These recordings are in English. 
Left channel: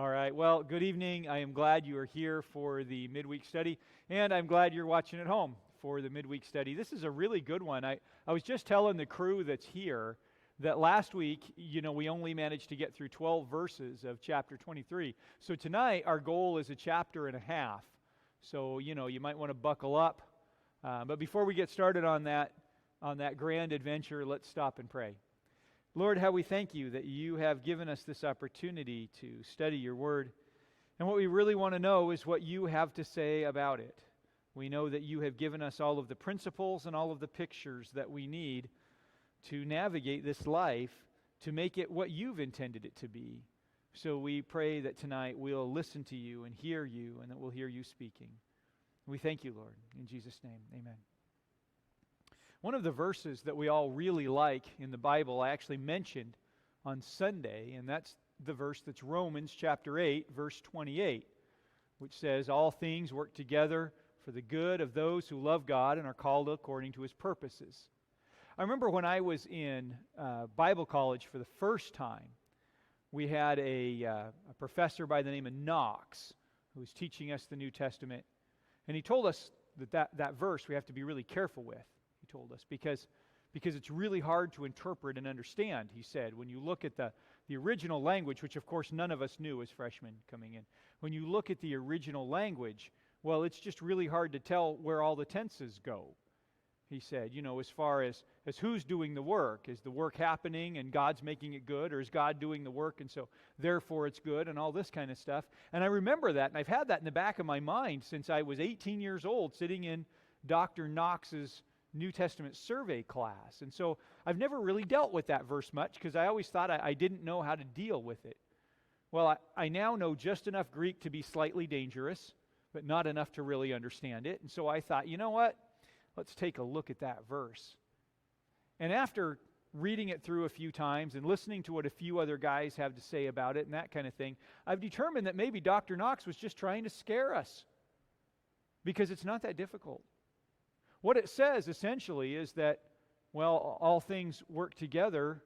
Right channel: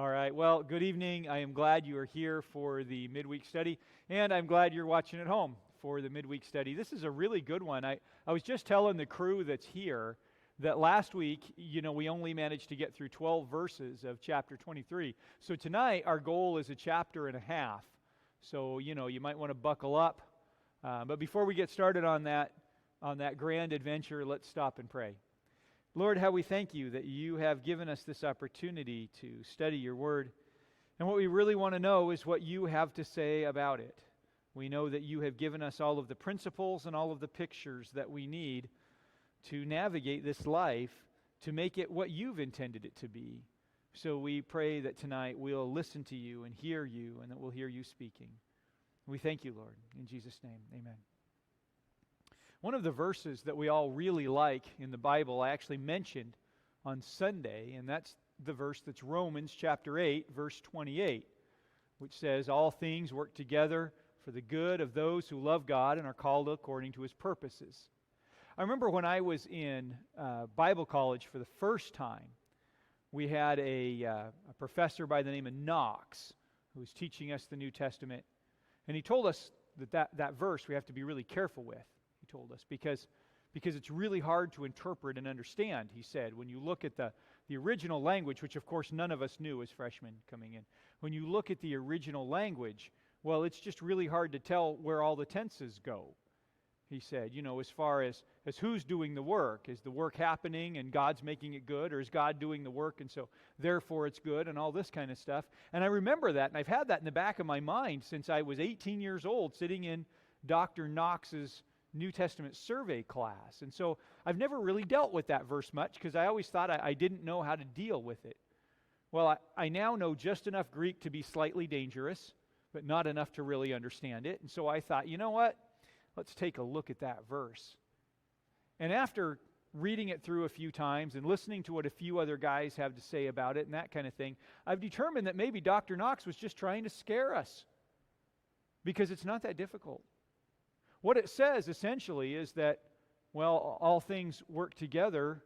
All right. Well, good evening. I am glad you are here for the midweek study, and I'm glad you're watching at home for the midweek study. This is a really good one. I was just telling the crew that's here that last week, we only managed to get through 12 verses of chapter 23. So tonight, our goal is a chapter and a half. So, you might want to buckle up. But before we get started on that grand adventure, let's stop and pray. Lord, how we thank you that you have given us this opportunity to study your word. And what we really want to know is what you have to say about it. We know that you have given us all of the principles and all of the pictures that we need to navigate this life to make it what you've intended it to be. So we pray that tonight we'll listen to you and hear you, and that we'll hear you speaking. We thank you, Lord. In Jesus' name, amen. One of the verses that we all really like in the Bible I actually mentioned on Sunday, and that's the verse that's Romans chapter 8, verse 28, which says, "All things work together for the good of those who love God and are called according to his purposes." I remember when I was in Bible college for the first time, we had a professor by the name of Knox who was teaching us the New Testament, and he told us that verse we have to be really careful with. Told us because it's really hard to interpret and understand. He said, when you look at the original language, which of course none of us knew as freshmen coming in, when you look at the original language, well, it's just really hard to tell where all the tenses go. He said, as far as who's doing the work, is the work happening and God's making it good, or is God doing the work and so therefore it's good, and all this kind of stuff. And I remember that, and I've had that in the back of my mind since I was 18 years old, sitting in Dr. Knox's New Testament survey class. And so I've never really dealt with that verse much because I always thought I didn't know how to deal with it. Well, I now know just enough Greek to be slightly dangerous, but not enough to really understand it. And so I thought, you know what? Let's take a look at that verse. And after reading it through a few times and listening to what a few other guys have to say about it and that kind of thing, I've determined that maybe Dr. Knox was just trying to scare us because it's not that difficult. What it says, essentially, is that, well, all things work together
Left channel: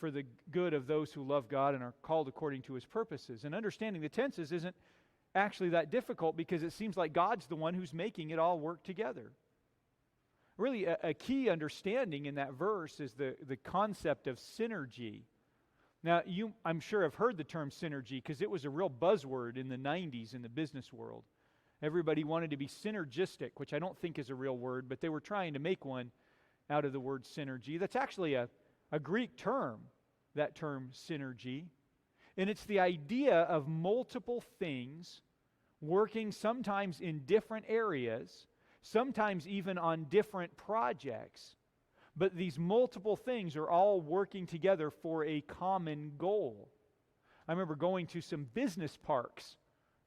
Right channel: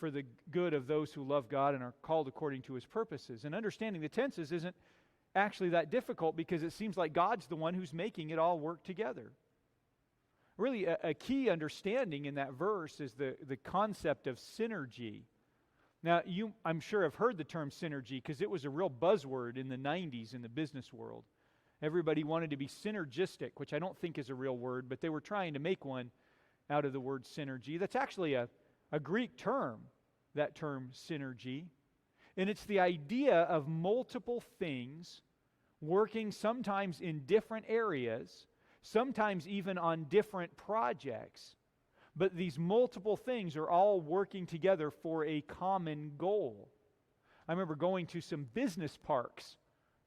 for the good of those who love God and are called according to his purposes. And understanding the tenses isn't actually that difficult because it seems like God's the one who's making it all work together. Really, a key understanding in that verse is the concept of synergy. Now, I'm sure have heard the term synergy because it was a real buzzword in the 90s in the business world. Everybody wanted to be synergistic, which I don't think is a real word, but they were trying to make one out of the word synergy. That's actually a Greek term, that term synergy. And it's the idea of multiple things working sometimes in different areas, sometimes even on different projects. But these multiple things are all working together for a common goal. I remember going to some business parks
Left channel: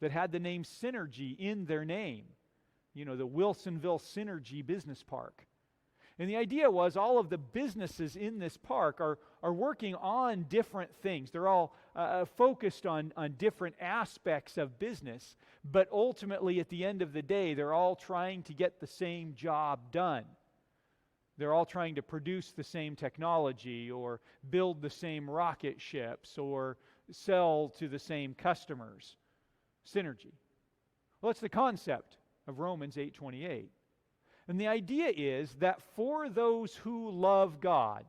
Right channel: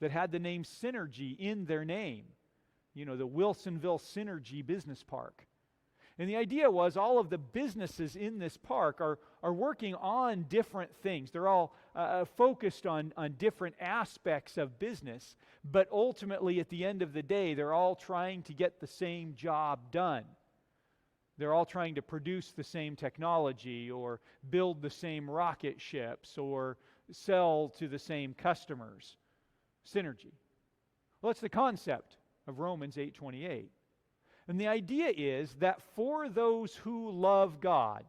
that had the name Synergy in their name. The Wilsonville Synergy Business Park. And the idea was all of the businesses in this park are working on different things. They're all focused on different aspects of business, but ultimately at the end of the day, they're all trying to get the same job done. They're all trying to produce the same technology or build the same rocket ships or sell to the same customers. Synergy. Well, it's the concept of Romans 8:28. And the idea is that for those who love God,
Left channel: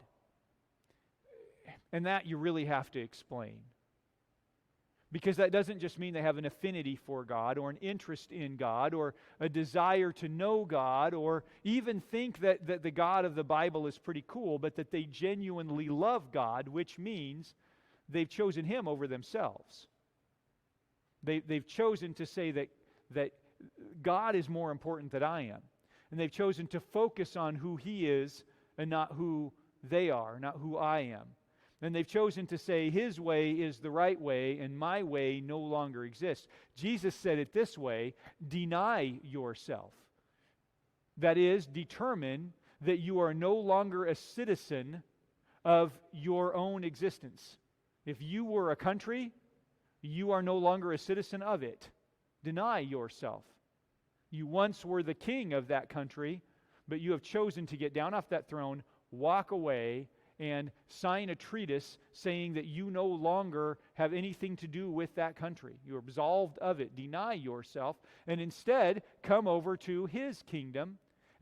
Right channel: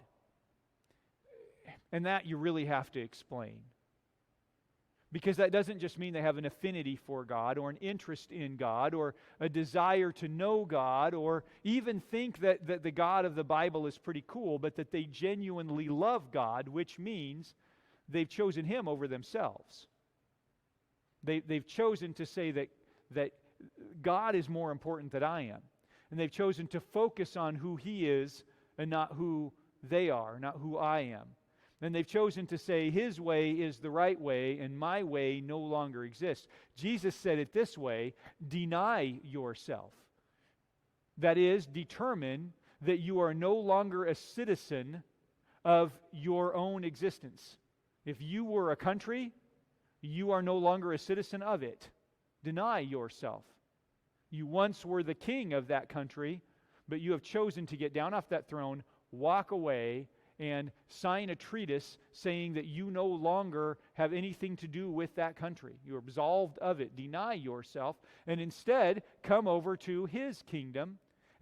and that you really have to explain, because that doesn't just mean they have an affinity for God or an interest in God or a desire to know God or even think that the God of the Bible is pretty cool, but that they genuinely love God, which means they've chosen him over themselves. They've chosen to say that God is more important than I am. And they've chosen to focus on who he is and not who they are, not who I am. And they've chosen to say his way is the right way and my way no longer exists. Jesus said it this way, deny yourself. That is, determine that you are no longer a citizen of your own existence. If you were a country, you are no longer a citizen of it. Deny yourself. You once were the king of that country, but you have chosen to get down off that throne, walk away, and sign a treatise saying that you no longer have anything to do with that country. You're absolved of it. Deny yourself, and instead come over to his kingdom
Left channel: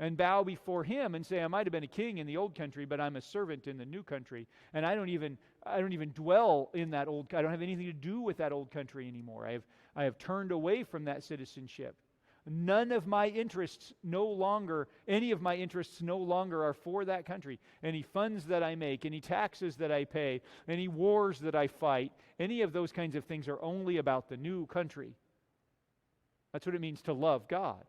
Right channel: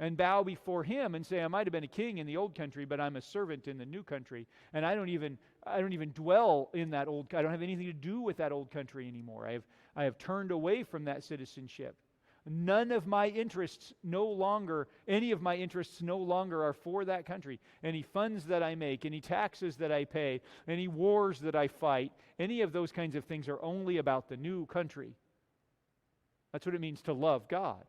and bow before him and say, I might have been a king in the old country, but I'm a servant in the new country. And I don't even dwell in that I don't have anything to do with that old country anymore. I have turned away from that citizenship. None of my interests any of my interests no longer are for that country. Any funds that I make, any taxes that I pay, any wars that I fight, any of those kinds of things are only about the new country. That's what it means to love God.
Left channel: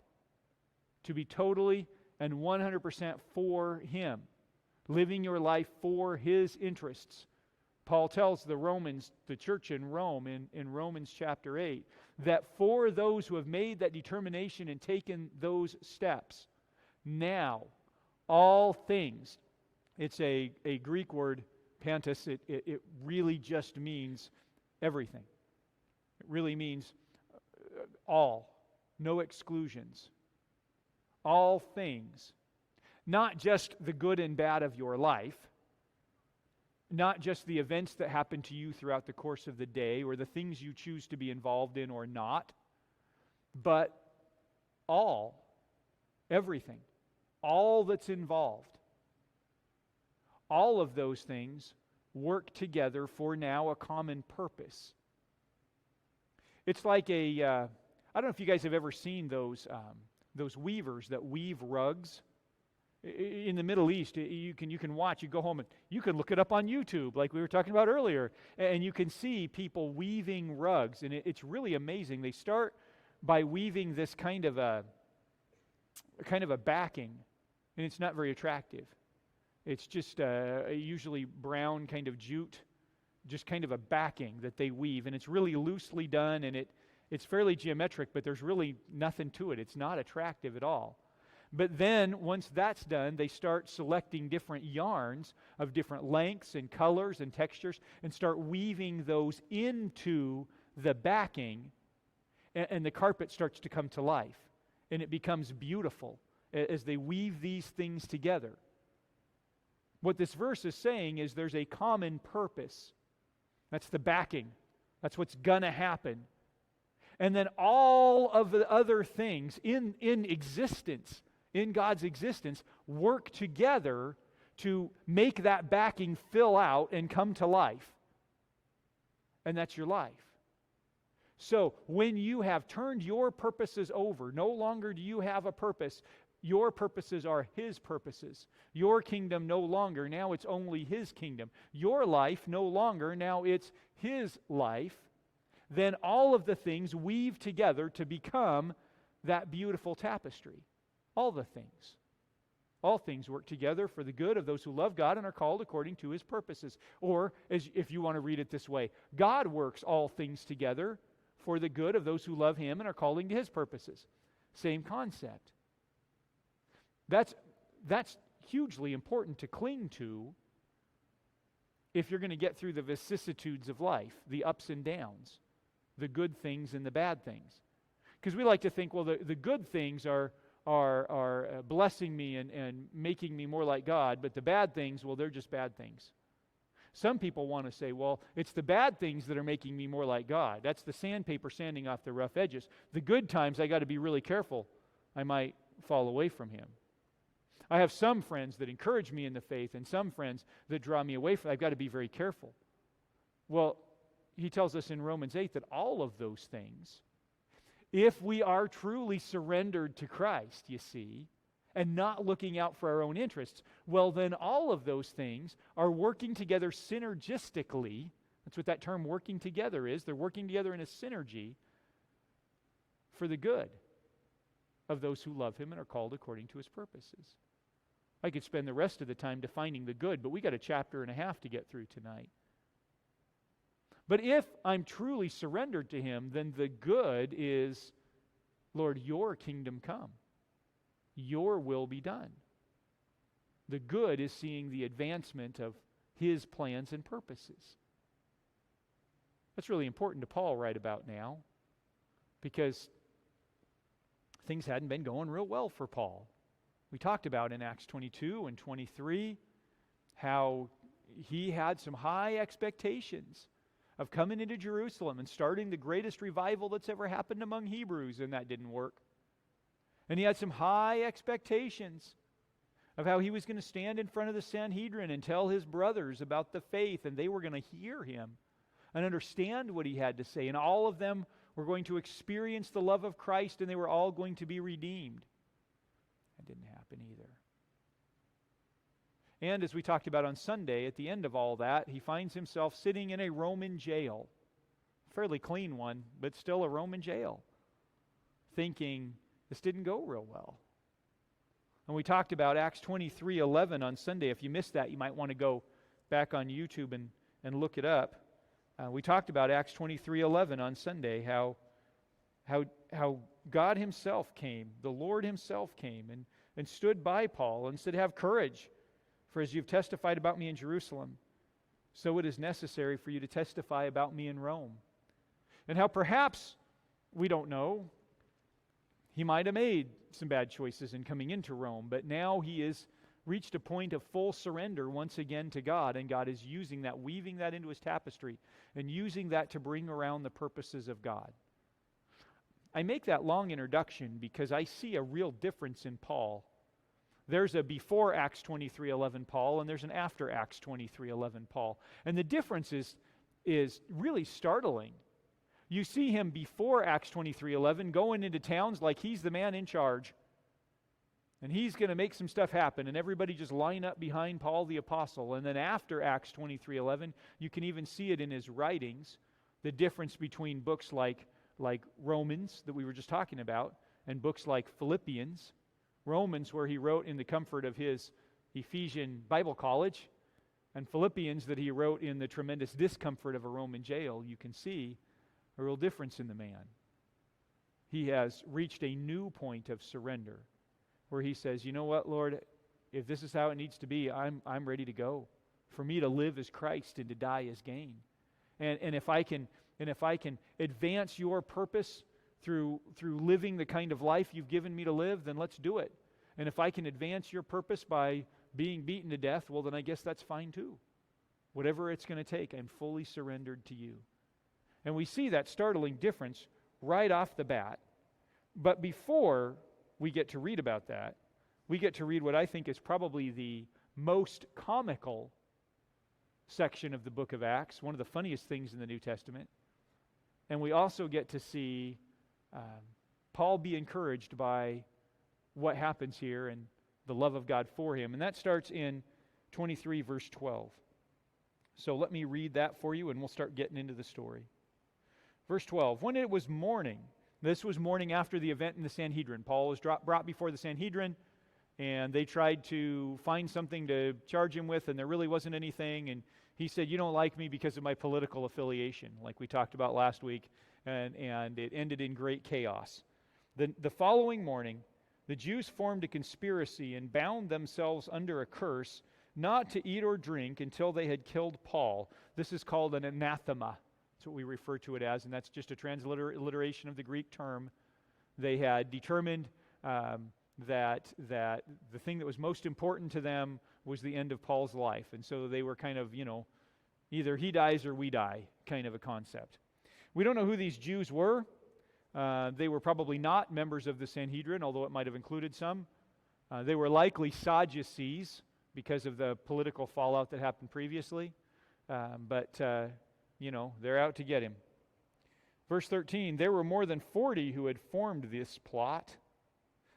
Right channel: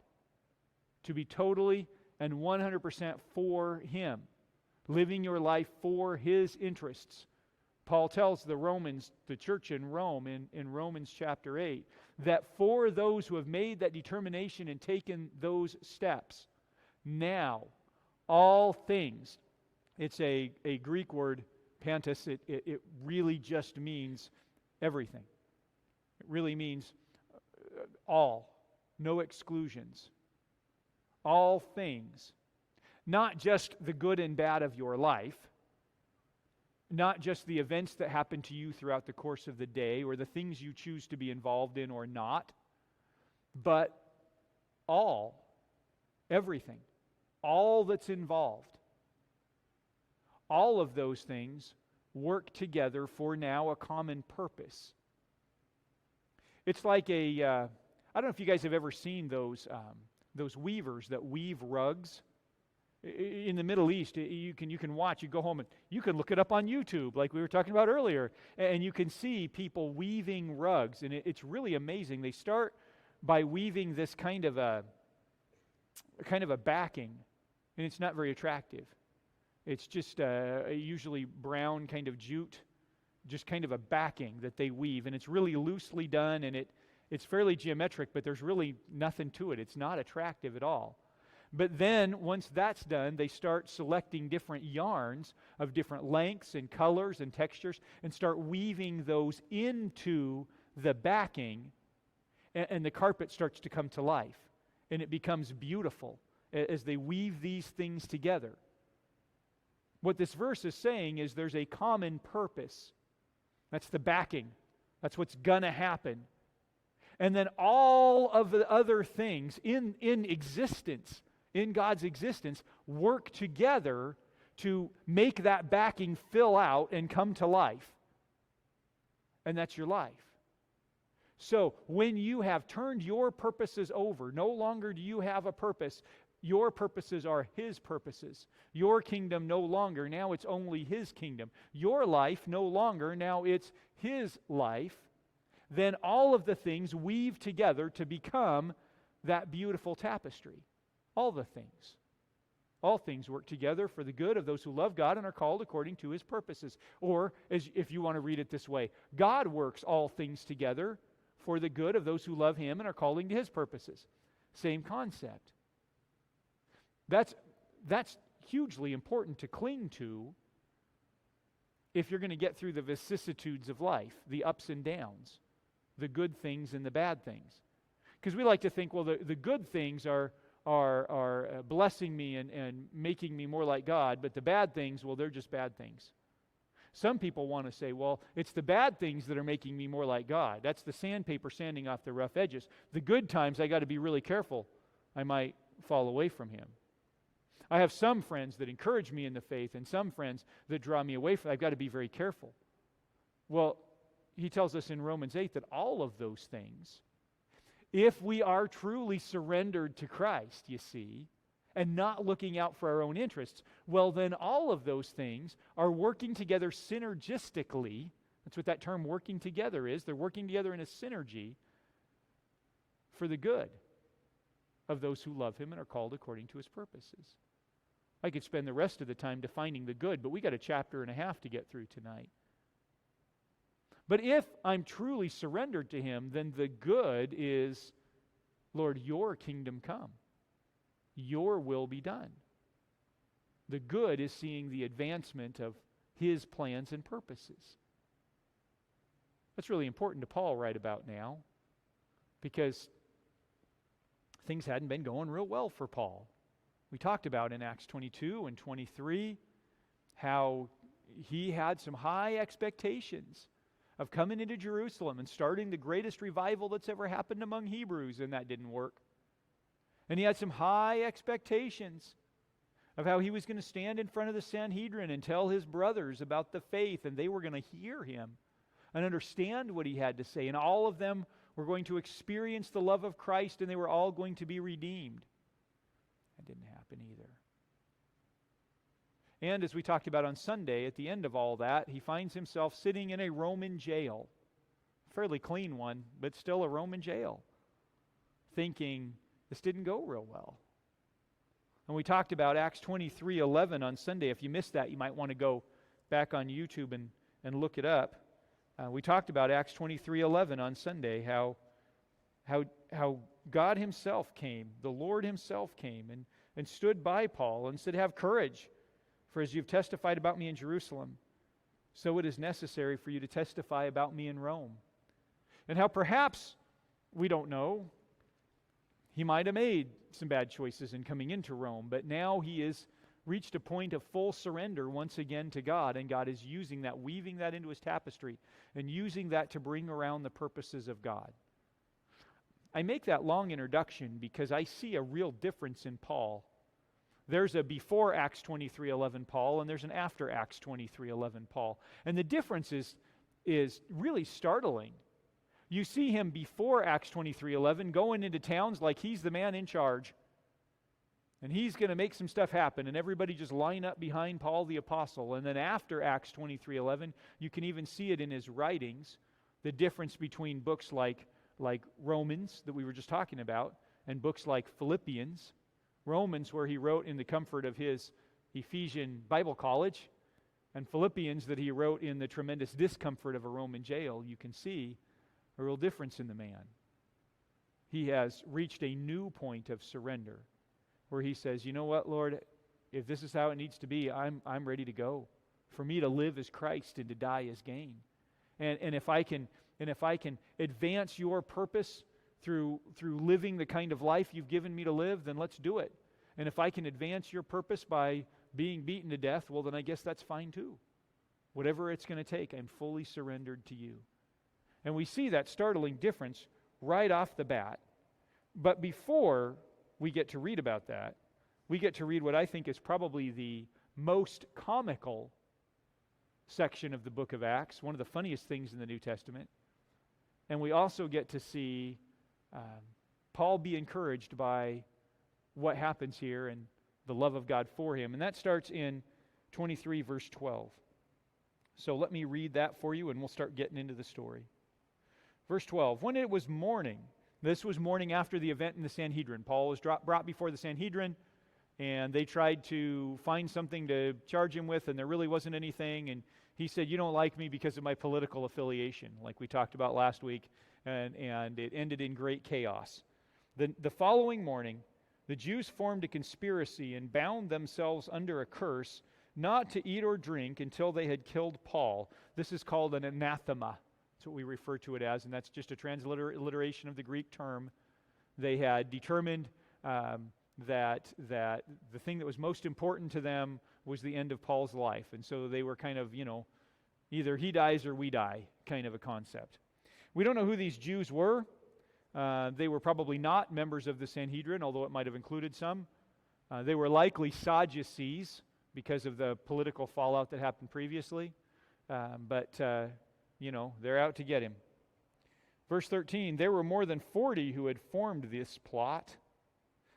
To be totally and 100% for him. Living your life for his interests. Paul tells the church in Rome, in Romans chapter 8, that for those who have made that determination and taken those steps, now all things, it's a Greek word, pantos, it really just means everything. It really means all, no exclusions. All things, not just the good and bad of your life, not just the events that happen to you throughout the course of the day or the things you choose to be involved in or not, but everything, all that's involved. All of those things work together for now a common purpose. It's like I don't know if you guys have ever seen those weavers that weave rugs. In the Middle East, you can watch, you go home and you can look it up on YouTube like we were talking about earlier, and you can see people weaving rugs, and it's really amazing. They start by weaving this kind of a backing, and it's not very attractive. It's just usually brown kind of jute, just kind of a backing that they weave, and it's really loosely done, and it's fairly geometric, but there's really nothing to it. It's not attractive at all. But then, once that's done, they start selecting different yarns of different lengths and colors and textures and start weaving those into the backing, and the carpet starts to come to life. And it becomes beautiful as they weave these things together. What this verse is saying is there's a common purpose. That's the backing. That's what's going to happen. And then all of the other things in existence, in God's existence, work together to make that backing fill out and come to life. And that's your life. So when you have turned your purposes over, no longer do you have a purpose. Your purposes are his purposes. Your kingdom no longer, now it's only his kingdom. Your life no longer, now it's his life. Then all of the things weave together to become that beautiful tapestry. All the things. All things work together for the good of those who love God and are called according to his purposes. Or, if you want to read it this way, God works all things together for the good of those who love him and are calling to his purposes. Same concept. That's hugely important to cling to if you're going to get through the vicissitudes of life, the ups and downs, the good things and the bad things. Because we like to think, well, the good things are blessing me and making me more like God, but the bad things, well, they're just bad things. Some people want to say, well, it's the bad things that are making me more like God. That's the sandpaper sanding off the rough edges. The good times, I got to be really careful. I might fall away from him. I have some friends that encourage me in the faith and some friends that draw me away from it. I've got to be very careful. Well, he tells us in Romans 8 that all of those things, if we are truly surrendered to Christ, you see, and not looking out for our own interests, well, then all of those things are working together synergistically. That's what that term working together is. They're working together in a synergy for the good of those who love him and are called according to his purposes. I could spend the rest of the time defining the good, but we got a chapter and a half to get through tonight. But if I'm truly surrendered to him, then the good is, Lord, your kingdom come. Your will be done. The good is seeing the advancement of his plans and purposes. That's really important to Paul right about now, because things hadn't been going real well for Paul. We talked about in Acts 22 and 23 how he had some high expectations of coming into Jerusalem and starting the greatest revival that's ever happened among Hebrews, and that didn't work. And he had some high expectations of how he was going to stand in front of the Sanhedrin and tell his brothers about the faith, and they were going to hear him and understand what he had to say, and all of them were going to experience the love of Christ, and they were all going to be redeemed. That didn't happen either. And as we talked about on Sunday, at the end of all that, he finds himself sitting in a Roman jail, a fairly clean one, but still a Roman jail, thinking, this didn't go real well. And we talked about Acts 23:11 on Sunday. If you missed that, you might want to go back on YouTube and look it up. We talked about Acts 23:11 on Sunday, how God himself came, the Lord himself came and stood by Paul and said, have courage, for as you've testified about me in Jerusalem, so it is necessary for you to testify about me in Rome. And how perhaps, we don't know, he might have made some bad choices in coming into Rome, but now he has reached a point of full surrender once again to God, and God is using that, weaving that into his tapestry, and using that to bring around the purposes of God. I make that long introduction because I see a real difference in Paul. There's a before Acts 23:11 Paul, and there's an after Acts 23:11 Paul. And the difference is really startling. You see him before Acts 23:11 going into towns like he's the man in charge. And he's going to make some stuff happen, and everybody just line up behind Paul the apostle. And then after Acts 23:11, you can even see it in his writings, the difference between books like Romans that we were just talking about, and books like Philippians. Romans, where he wrote in the comfort of his Ephesian Bible college, and Philippians that he wrote in the tremendous discomfort of a Roman jail. You can see a real difference in the man. He has reached a new point of surrender, where he says, you know what, Lord, if this is how it needs to be, I'm ready to go. For me to live as Christ and to die as gain. And if I can advance your purpose through living the kind of life you've given me to live, then let's do it. And if I can advance your purpose by being beaten to death, well, then I guess that's fine too. Whatever it's going to take, I'm fully surrendered to you. And we see that startling difference right off the bat. But before we get to read about that, we get to read what I think is probably the most comical section of the book of Acts, one of the funniest things in the New Testament. And we also get to see Paul be encouraged by what happens here and the love of God for him. And that starts in 23 verse 12. So let me read that for you and we'll start getting into the story. Verse 12, when it was morning, this was morning after the event in the Sanhedrin. Paul was brought before the Sanhedrin, and they tried to find something to charge him with, and there really wasn't anything. And he said, you don't like me because of my political affiliation, like we talked about last week, and it ended in great chaos. The following morning, the Jews formed a conspiracy and bound themselves under a curse not to eat or drink until they had killed Paul. This is called an anathema. That's what we refer to it as, and that's just a transliteration of the Greek term. They had determined that the thing that was most important to them was the end of Paul's life. And so they were kind of, either he dies or we die kind of a concept. We don't know who these Jews were. They were probably not members of the Sanhedrin, although it might have included some. They were likely Sadducees because of the political fallout that happened previously. But they're out to get him. Verse 13, there were more than 40 who had formed this plot.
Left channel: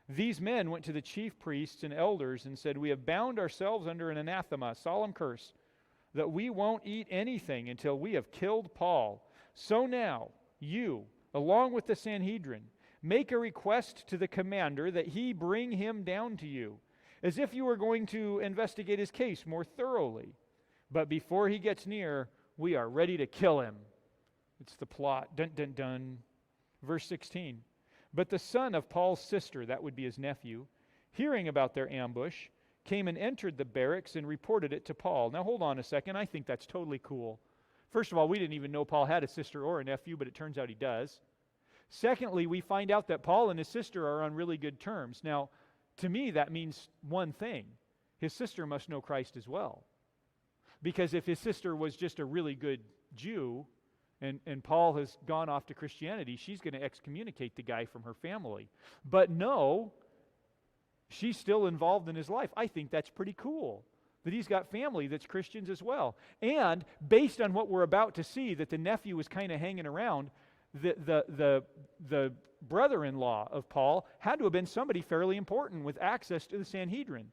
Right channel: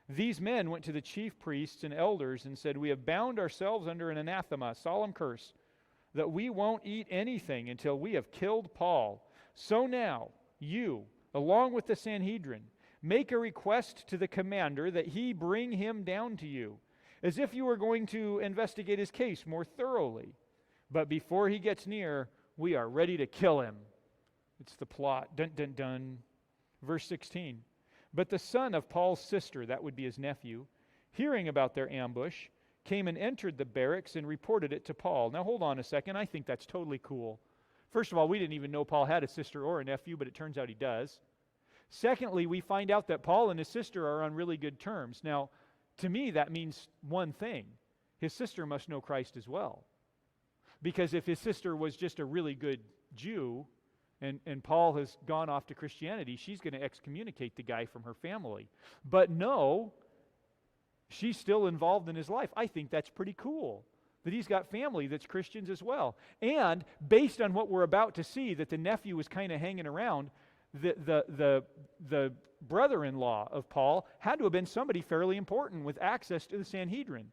These men went to the chief priests and elders and said, we have bound ourselves under an anathema, a solemn curse, that we won't eat anything until we have killed Paul. So now, you, along with the Sanhedrin, make a request to the commander that he bring him down to you, as if you were going to investigate his case more thoroughly. But before he gets near, we are ready to kill him. It's the plot. Dun, dun, dun. Verse 16. But the son of Paul's sister, that would be his nephew, hearing about their ambush, came and entered the barracks and reported it to Paul. Now hold on a second. I think that's totally cool. First of all, we didn't even know Paul had a sister or a nephew, but it turns out he does. Secondly, we find out that Paul and his sister are on really good terms. Now, to me, that means one thing. His sister must know Christ as well. Because if his sister was just a really good Jew, and Paul has gone off to Christianity, she's going to excommunicate the guy from her family. But no, she's still involved in his life. I think that's pretty cool, that he's got family that's Christians as well. And based on what we're about to see, that the nephew was kind of hanging around, the brother-in-law of Paul had to have been somebody fairly important with access to the Sanhedrin.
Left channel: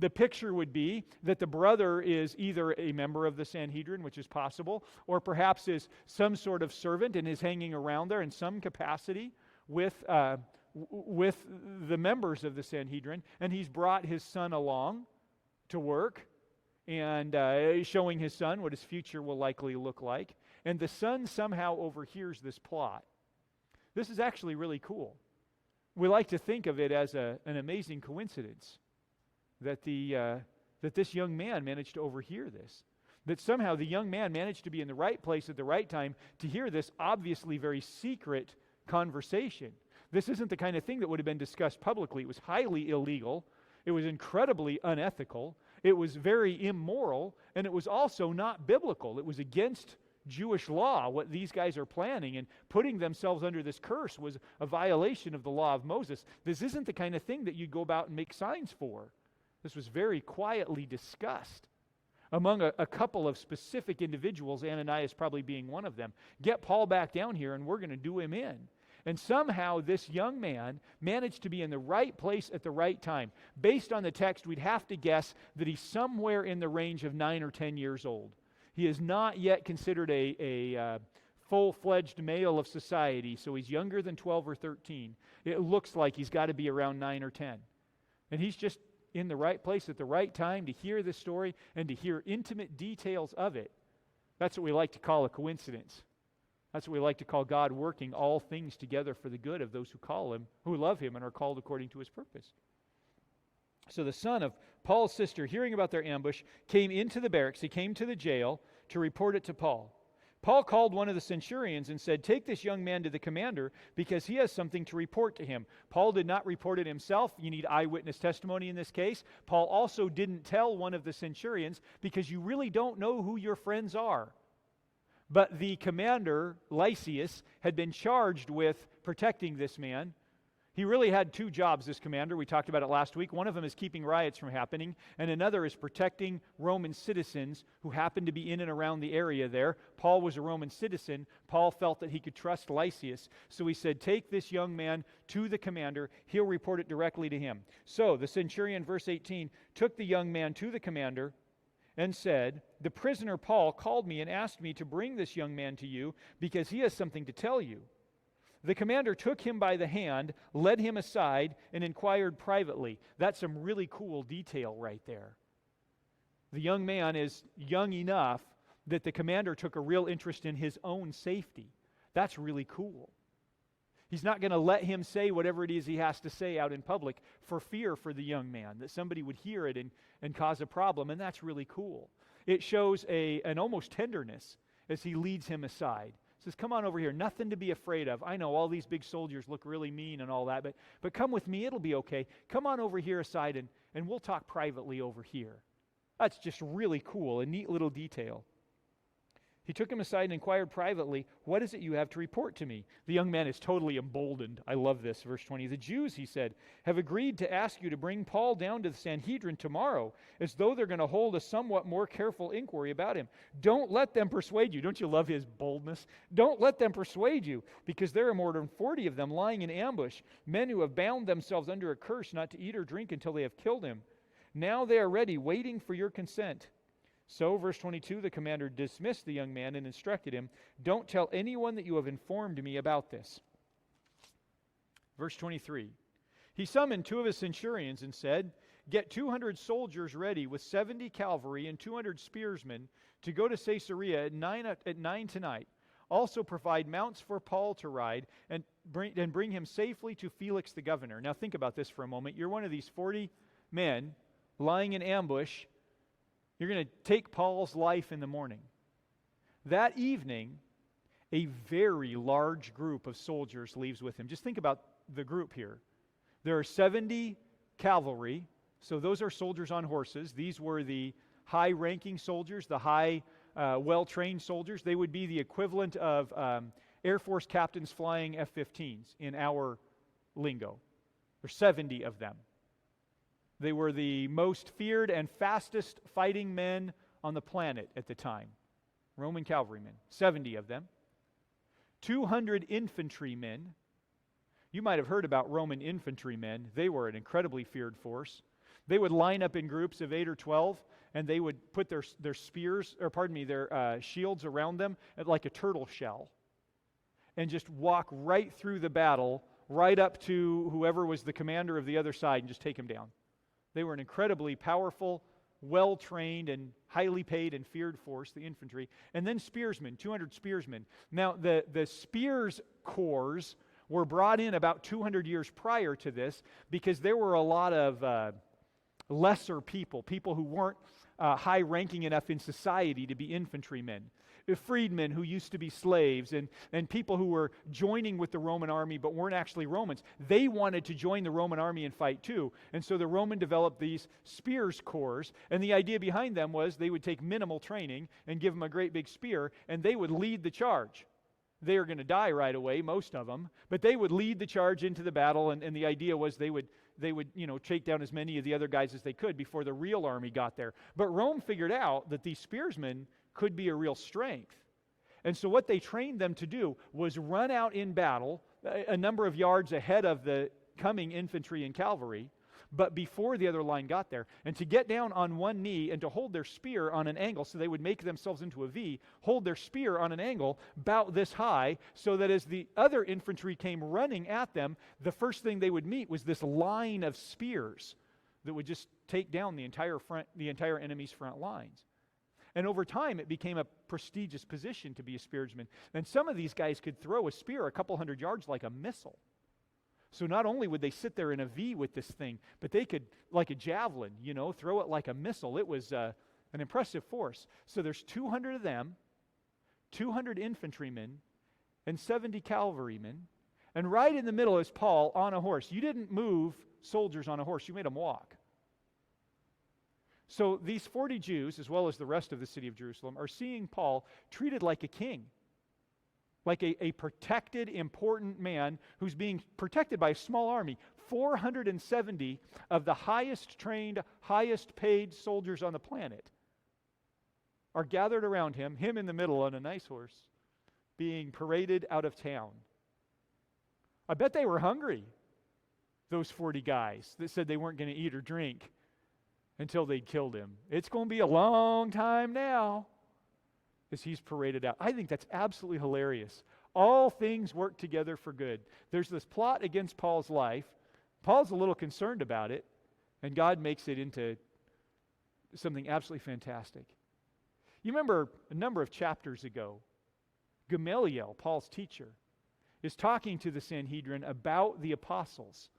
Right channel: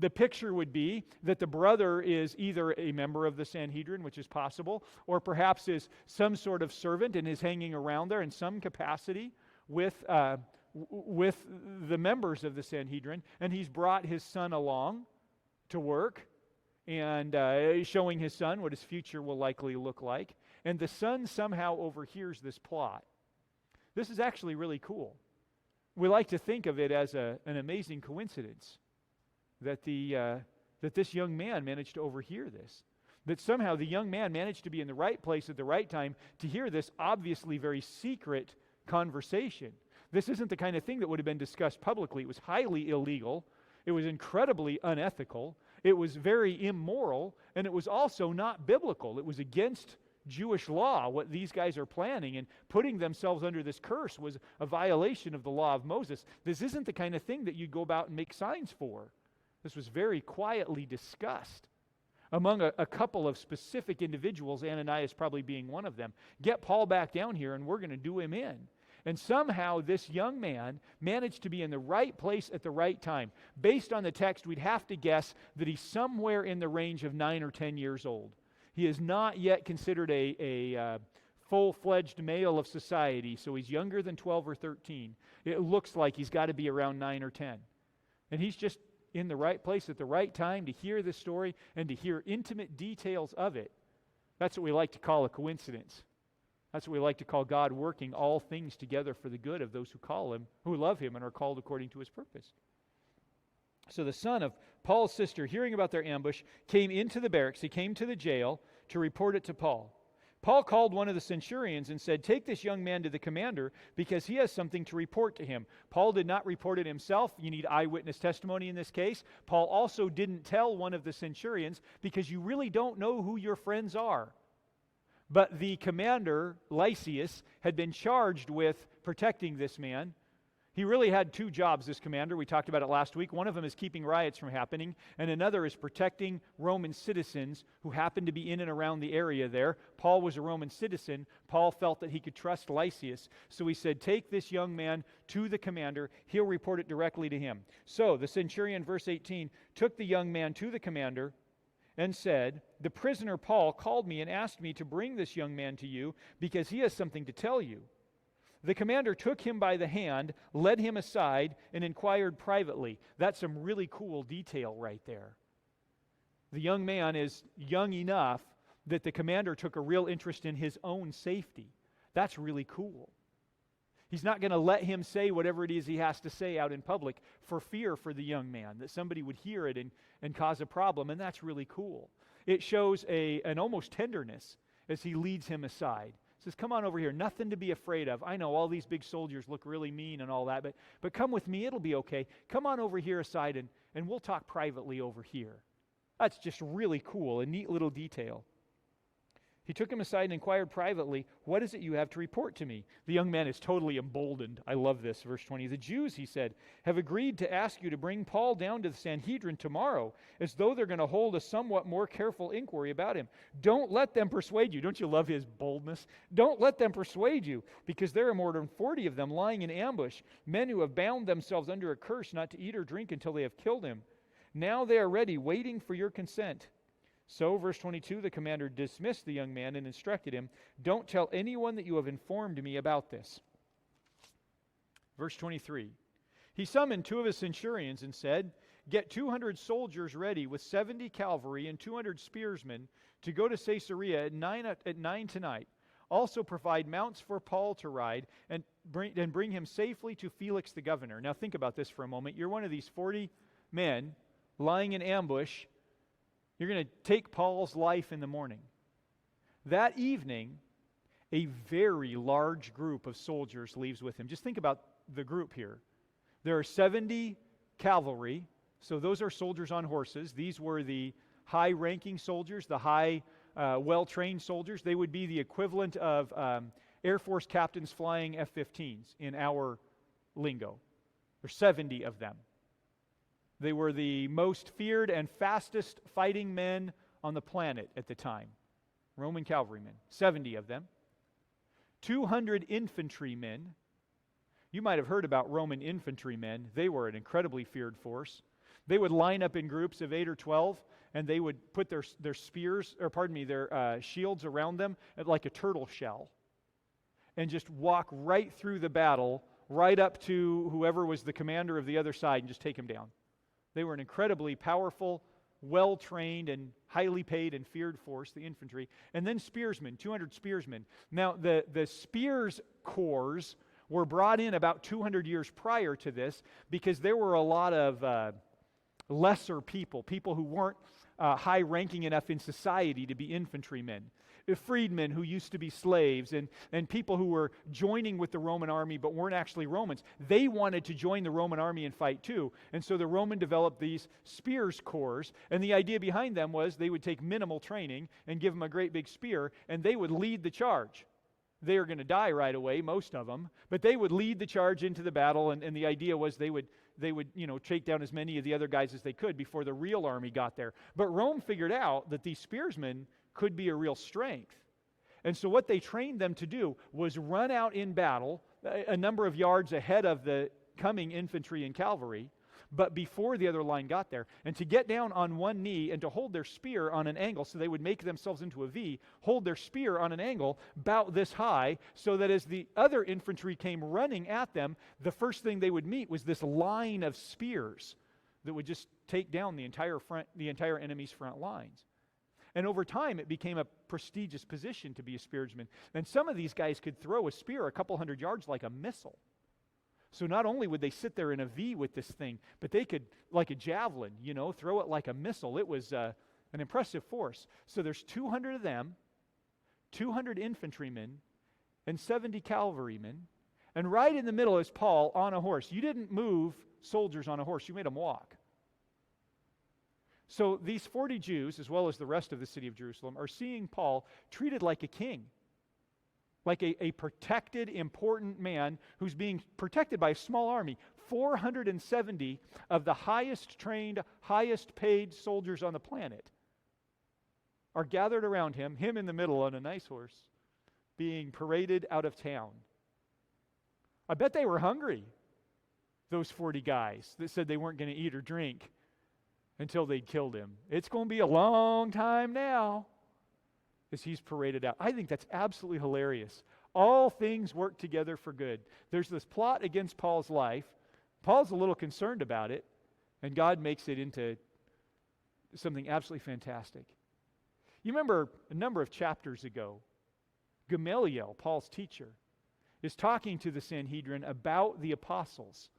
The picture would be that the brother is either a member of the Sanhedrin, which is possible, or perhaps is some sort of servant and is hanging around there in some capacity with the members of the Sanhedrin, and he's brought his son along to work and showing his son what his future will likely look like. And the son somehow overhears this plot. This is actually really cool. We like to think of it as an amazing coincidence that this young man managed to overhear this. That somehow the young man managed to be in the right place at the right time to hear this obviously very secret conversation. This isn't the kind of thing that would have been discussed publicly. It was highly illegal. It was incredibly unethical. It was very immoral. And it was also not biblical. It was against Jewish law, what these guys are planning, and putting themselves under this curse was a violation of the law of Moses. This isn't the kind of thing that you'd go about and make signs for. This was very quietly discussed among a couple of specific individuals, Ananias probably being one of them. Get Paul back down here and we're going to do him in. And somehow this young man managed to be in the right place at the right time. Based on the text, we'd have to guess that he's somewhere in the range of 9 or 10 years old. He is not yet considered a full-fledged male of society, so he's younger than 12 or 13. It looks like he's got to be around 9 or 10. And he's just in the right place at the right time to hear the story and to hear intimate details of it. That's what we like to call a coincidence. That's what we like to call God working all things together for the good of those who call him, who love him and are called according to his purpose. So the son of Paul's sister, hearing about their ambush, came into the barracks. He came to the jail to report it to Paul. Paul called one of the centurions and said, "Take this young man to the commander because he has something to report to him." Paul did not report it himself. You need eyewitness testimony in this case. Paul also didn't tell one of the centurions because you really don't know who your friends are. But the commander, Lysias, had been charged with protecting this man. He really had two jobs, this commander. We talked about it last week. One of them is keeping riots from happening, and another is protecting Roman citizens who happened to be in and around the area there. Paul was a Roman citizen. Paul felt that he could trust Lysias, so he said, "Take this young man to the commander. He'll report it directly to him." So the centurion, verse 18, took the young man to the commander and said, "The prisoner Paul called me and asked me to bring this young man to you because he has something to tell you." The commander took him by the hand, led him aside, and inquired privately. That's some really cool detail right there. The young man is young enough that the commander took a real interest in his own safety. That's really cool. He's not going to let him say whatever it is he has to say out in public for fear for the young man, that somebody would hear it and cause a problem, and that's really cool. It shows an almost tenderness as he leads him aside. Says, "Come on over here, nothing to be afraid of. I know all these big soldiers look really mean and all that, but come with me, it'll be okay. Come on over here aside and we'll talk privately over here." That's just really cool, a neat little detail. He took him aside and inquired privately, "What is it you have to report to me?" The young man is totally emboldened. I love this, verse 20. "The Jews," he said, "have agreed to ask you to bring Paul down to the Sanhedrin tomorrow, as though they're going to hold a somewhat more careful inquiry about him. Don't let them persuade you." Don't you love his boldness? "Don't let them persuade you, because there are more than 40 of them lying in ambush, men who have bound themselves under a curse not to eat or drink until they have killed him. Now they are ready, waiting for your consent." So, verse 22, the commander dismissed the young man and instructed him, "Don't tell anyone that you have informed me about this." Verse 23, he summoned two of his centurions and said, "Get 200 soldiers ready with 70 cavalry and 200 spearsmen to go to Caesarea at 9 tonight. Also provide mounts for Paul to ride and bring him safely to Felix the governor." Now think about this for a moment. You're one of these 40 men lying in ambush. You're going to take Paul's life in the morning. That evening, a very large group of soldiers leaves with him. Just think about the group here. There are 70 cavalry, so those are soldiers on horses. These were the high-ranking soldiers, the high, well-trained soldiers. They would be the equivalent of Air Force captains flying F-15s in our lingo. There's 70 of them. They were the most feared and fastest fighting men on the planet at the time. Roman cavalrymen, 70 of them. 200 infantrymen. You might have heard about Roman infantrymen. They were an incredibly feared force. They would line up in groups of 8 or 12, and they would put their spears, or pardon me, their shields around them like a turtle shell, and just walk right through the battle, right up to whoever was the commander of the other side, and just take him down. They were an incredibly powerful, well-trained, and highly paid and feared force, the infantry. And then spearsmen, 200 spearsmen. Now, the spears corps were brought in about 200 years prior to this because there were a lot of lesser people who weren't high-ranking enough in society to be infantrymen. Freedmen who used to be slaves and people who were joining with the Roman army but weren't actually Romans. They wanted to join the Roman army and fight too. And so the Roman developed these spears corps, and the idea behind them was they would take minimal training and give them a great big spear, and they would lead the charge. They were going to die right away, most of them, but they would lead the charge into the battle, and the idea was they would take down as many of the other guys as they could before the real army got there. But Rome figured out that these spearsmen could be a real strength. And so what they trained them to do was run out in battle a number of yards ahead of the coming infantry and cavalry, but before the other line got there, and to get down on one knee and to hold their spear on an angle, so they would make themselves into a V, hold their spear on an angle about this high, so that as the other infantry came running at them, the first thing they would meet was this line of spears that would just take down the entire enemy's front lines. And over time, it became a prestigious position to be a spearsman. And some of these guys could throw a spear a couple hundred yards like a missile. So not only would they sit there in a V with this thing, but they could, like a javelin, throw it like a missile. It was an impressive force. So there's 200 of them, 200 infantrymen, and 70 cavalrymen. And right in the middle is Paul on a horse. You didn't move soldiers on a horse. You made them walk. So these 40 Jews, as well as the rest of the city of Jerusalem, are seeing Paul treated like a king, like a protected, important man who's being protected by a small army. 470 of the highest trained, highest paid soldiers on the planet are gathered around him in the middle on a nice horse, being paraded out of town. I bet they were hungry, those 40 guys that said they weren't going to eat or drink until they'd killed him. It's going to be a long time now as he's paraded out. I think that's absolutely hilarious. All things work together for good. There's this plot against Paul's life. Paul's a little concerned about it, and God makes it into something absolutely fantastic. You remember a number of chapters ago, Gamaliel, Paul's teacher, is talking to the Sanhedrin about the apostles.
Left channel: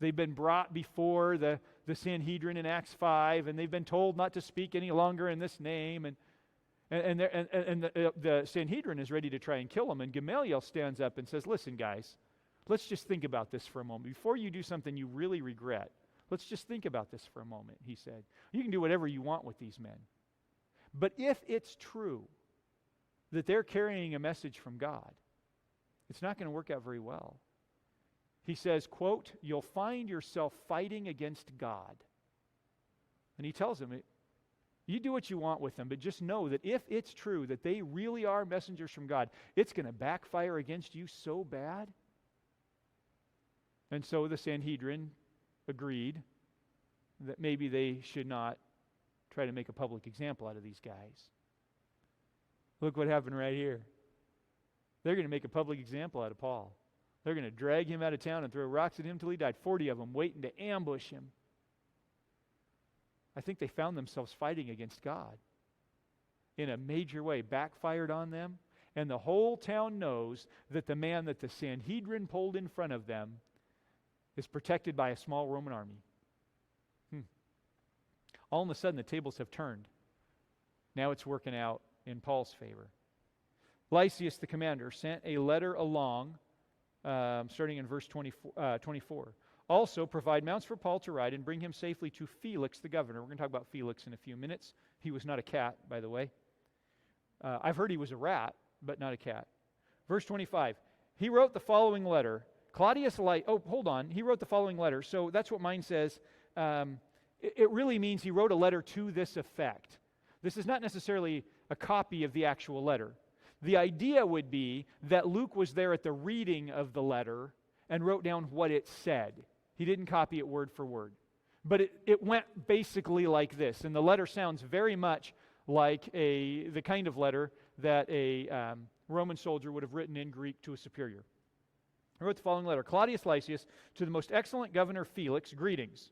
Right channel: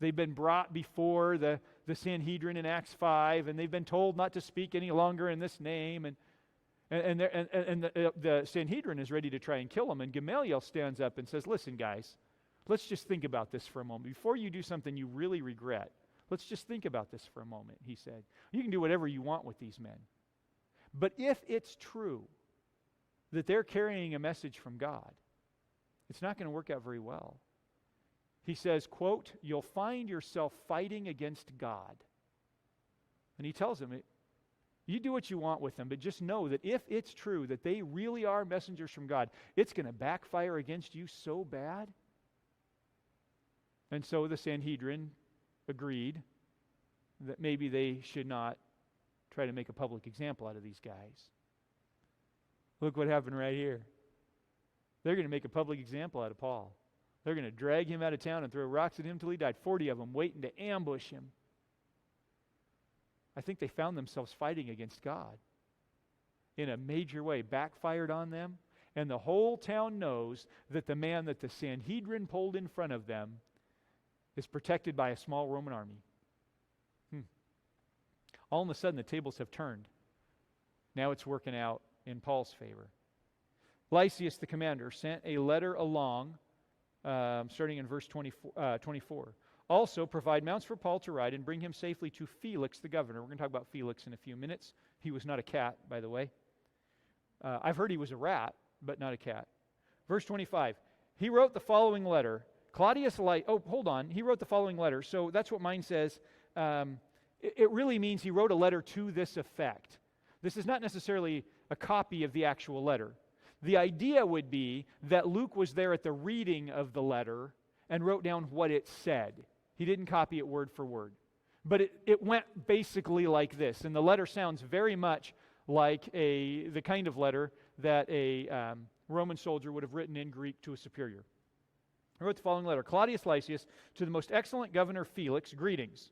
They've been brought before the Sanhedrin in Acts 5, and they've been told not to speak any longer in this name, and the Sanhedrin is ready to try and kill him, and Gamaliel stands up and says, listen, guys, let's just think about this for a moment. Before you do something you really regret, let's just think about this for a moment, he said. You can do whatever you want with these men. But if it's true that they're carrying a message from God, it's not going to work out very well. He says, quote, you'll find yourself fighting against God. And he tells them, you do what you want with them, but just know that if it's true that they really are messengers from God, it's going to backfire against you so bad. And so the Sanhedrin agreed that maybe they should not try to make a public example out of these guys. Look what happened right here. They're going to make a public example out of Paul. They're going to drag him out of town and throw rocks at him till he died. 40 of them waiting to ambush him. I think they found themselves fighting against God in a major way, backfired on them, and the whole town knows that the man that the Sanhedrin pulled in front of them is protected by a small Roman army. All of a sudden, the tables have turned. Now it's working out in Paul's favor. Lysias, the commander, sent a letter along, starting in verse 24. Also, provide mounts for Paul to ride and bring him safely to Felix, the governor. We're going to talk about Felix in a few minutes. He was not a cat, by the way. I've heard he was a rat, but not a cat. Verse 25, he wrote the following letter. He wrote the following letter. So that's what mine says. It really means he wrote a letter to this effect. This is not necessarily a copy of the actual letter. The idea would be that Luke was there at the reading of the letter and wrote down what it said. He didn't copy it word for word. But it went basically like this. And the letter sounds very much like the kind of letter that a Roman soldier would have written in Greek to a superior. I wrote the following letter. Claudius Lysias, to the most excellent governor Felix, greetings.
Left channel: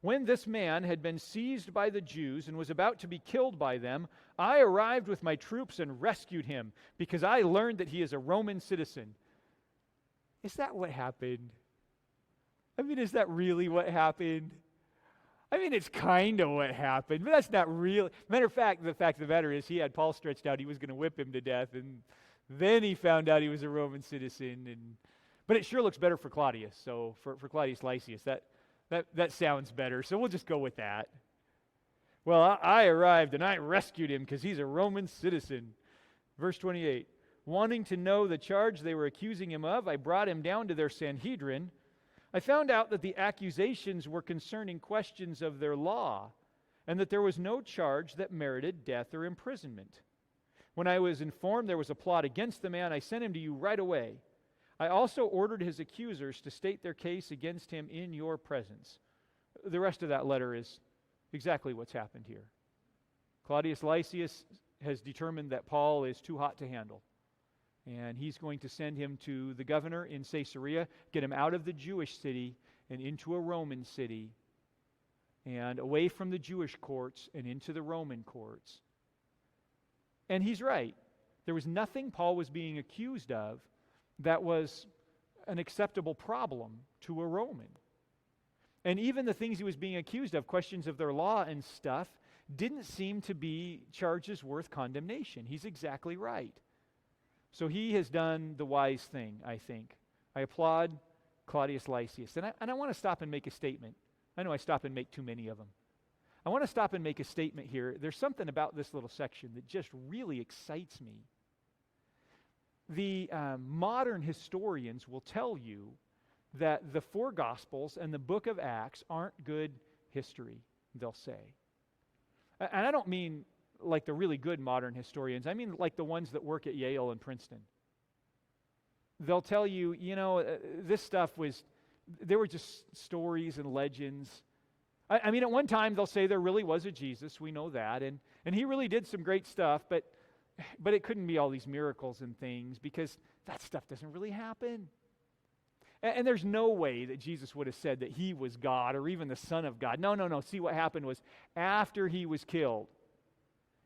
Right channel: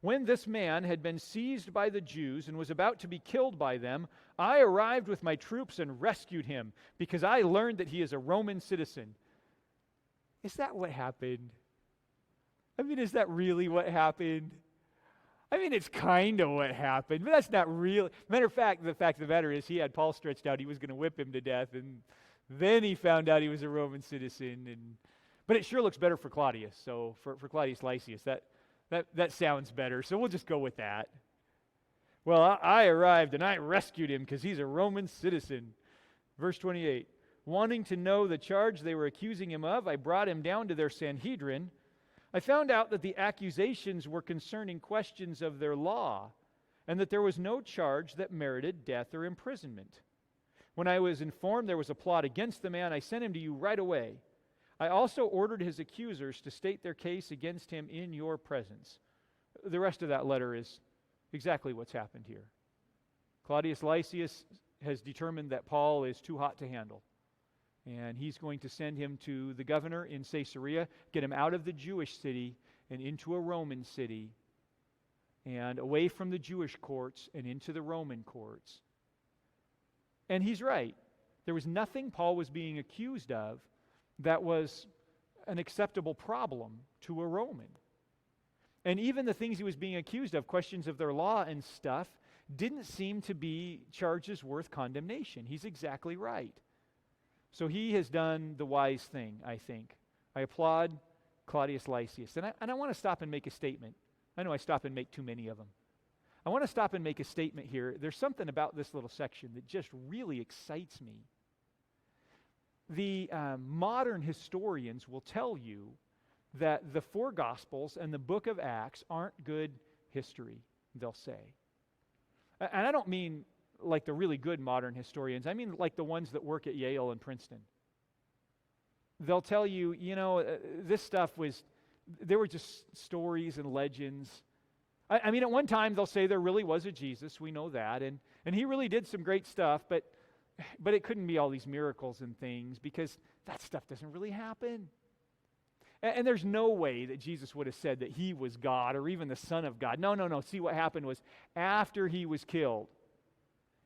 When this man had been seized by the Jews and was about to be killed by them, I arrived with my troops and rescued him, because I learned that he is a Roman citizen. Is that what happened? I mean, is that really what happened? I mean, it's kind of what happened, but that's not real. Matter of fact of the matter is he had Paul stretched out. He was going to whip him to death, and then he found out he was a Roman citizen. But it sure looks better for Claudius, so for Claudius Lysias, that sounds better, so we'll just go with that. Well, I arrived, and I rescued him because he's a Roman citizen. Verse 28, wanting to know the charge they were accusing him of, I brought him down to their Sanhedrin. I found out that the accusations were concerning questions of their law, and that there was no charge that merited death or imprisonment. When I was informed there was a plot against the man, I sent him to you right away. I also ordered his accusers to state their case against him in your presence. The rest of that letter is exactly what's happened here. Claudius Lysias has determined that Paul is too hot to handle. And he's going to send him to the governor in Caesarea, get him out of the Jewish city and into a Roman city, and away from the Jewish courts and into the Roman courts. And he's right. There was nothing Paul was being accused of that was an acceptable problem to a Roman. And even the things he was being accused of, questions of their law and stuff, didn't seem to be charges worth condemnation. He's exactly right. So he has done the wise thing, I think. I applaud Claudius Lysias. And I want to stop and make a statement. I know I stop and make too many of them. I want to stop and make a statement here. There's something about this little section that just really excites me. The modern historians will tell you that the four Gospels and the book of Acts aren't good history, they'll say. And I don't mean like the really good modern historians. I mean like the ones that work at Yale and Princeton. They'll tell you, this stuff they were just stories and legends. I mean, at one time they'll say there really was a Jesus, we know that, and he really did some great stuff, but it couldn't be all these miracles and things because that stuff doesn't really happen. And there's no way that Jesus would have said that he was God or even the Son of God. No. See, what happened was after he was killed,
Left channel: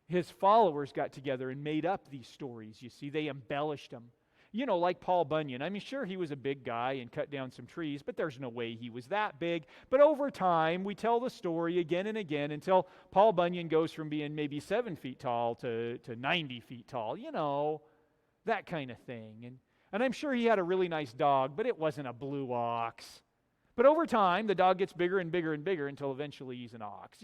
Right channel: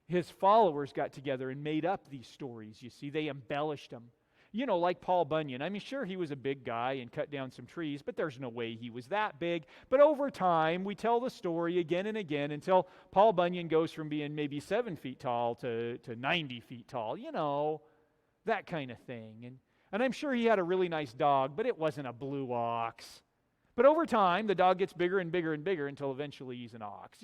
his followers got together and made up these stories, you see. They embellished them. Like Paul Bunyan. I mean, sure, he was a big guy and cut down some trees, but there's no way he was that big. But over time, we tell the story again and again until Paul Bunyan goes from being maybe 7 feet tall to 90 feet tall. That kind of thing. And I'm sure he had a really nice dog, but it wasn't a blue ox. But over time, the dog gets bigger and bigger and bigger until eventually he's an ox.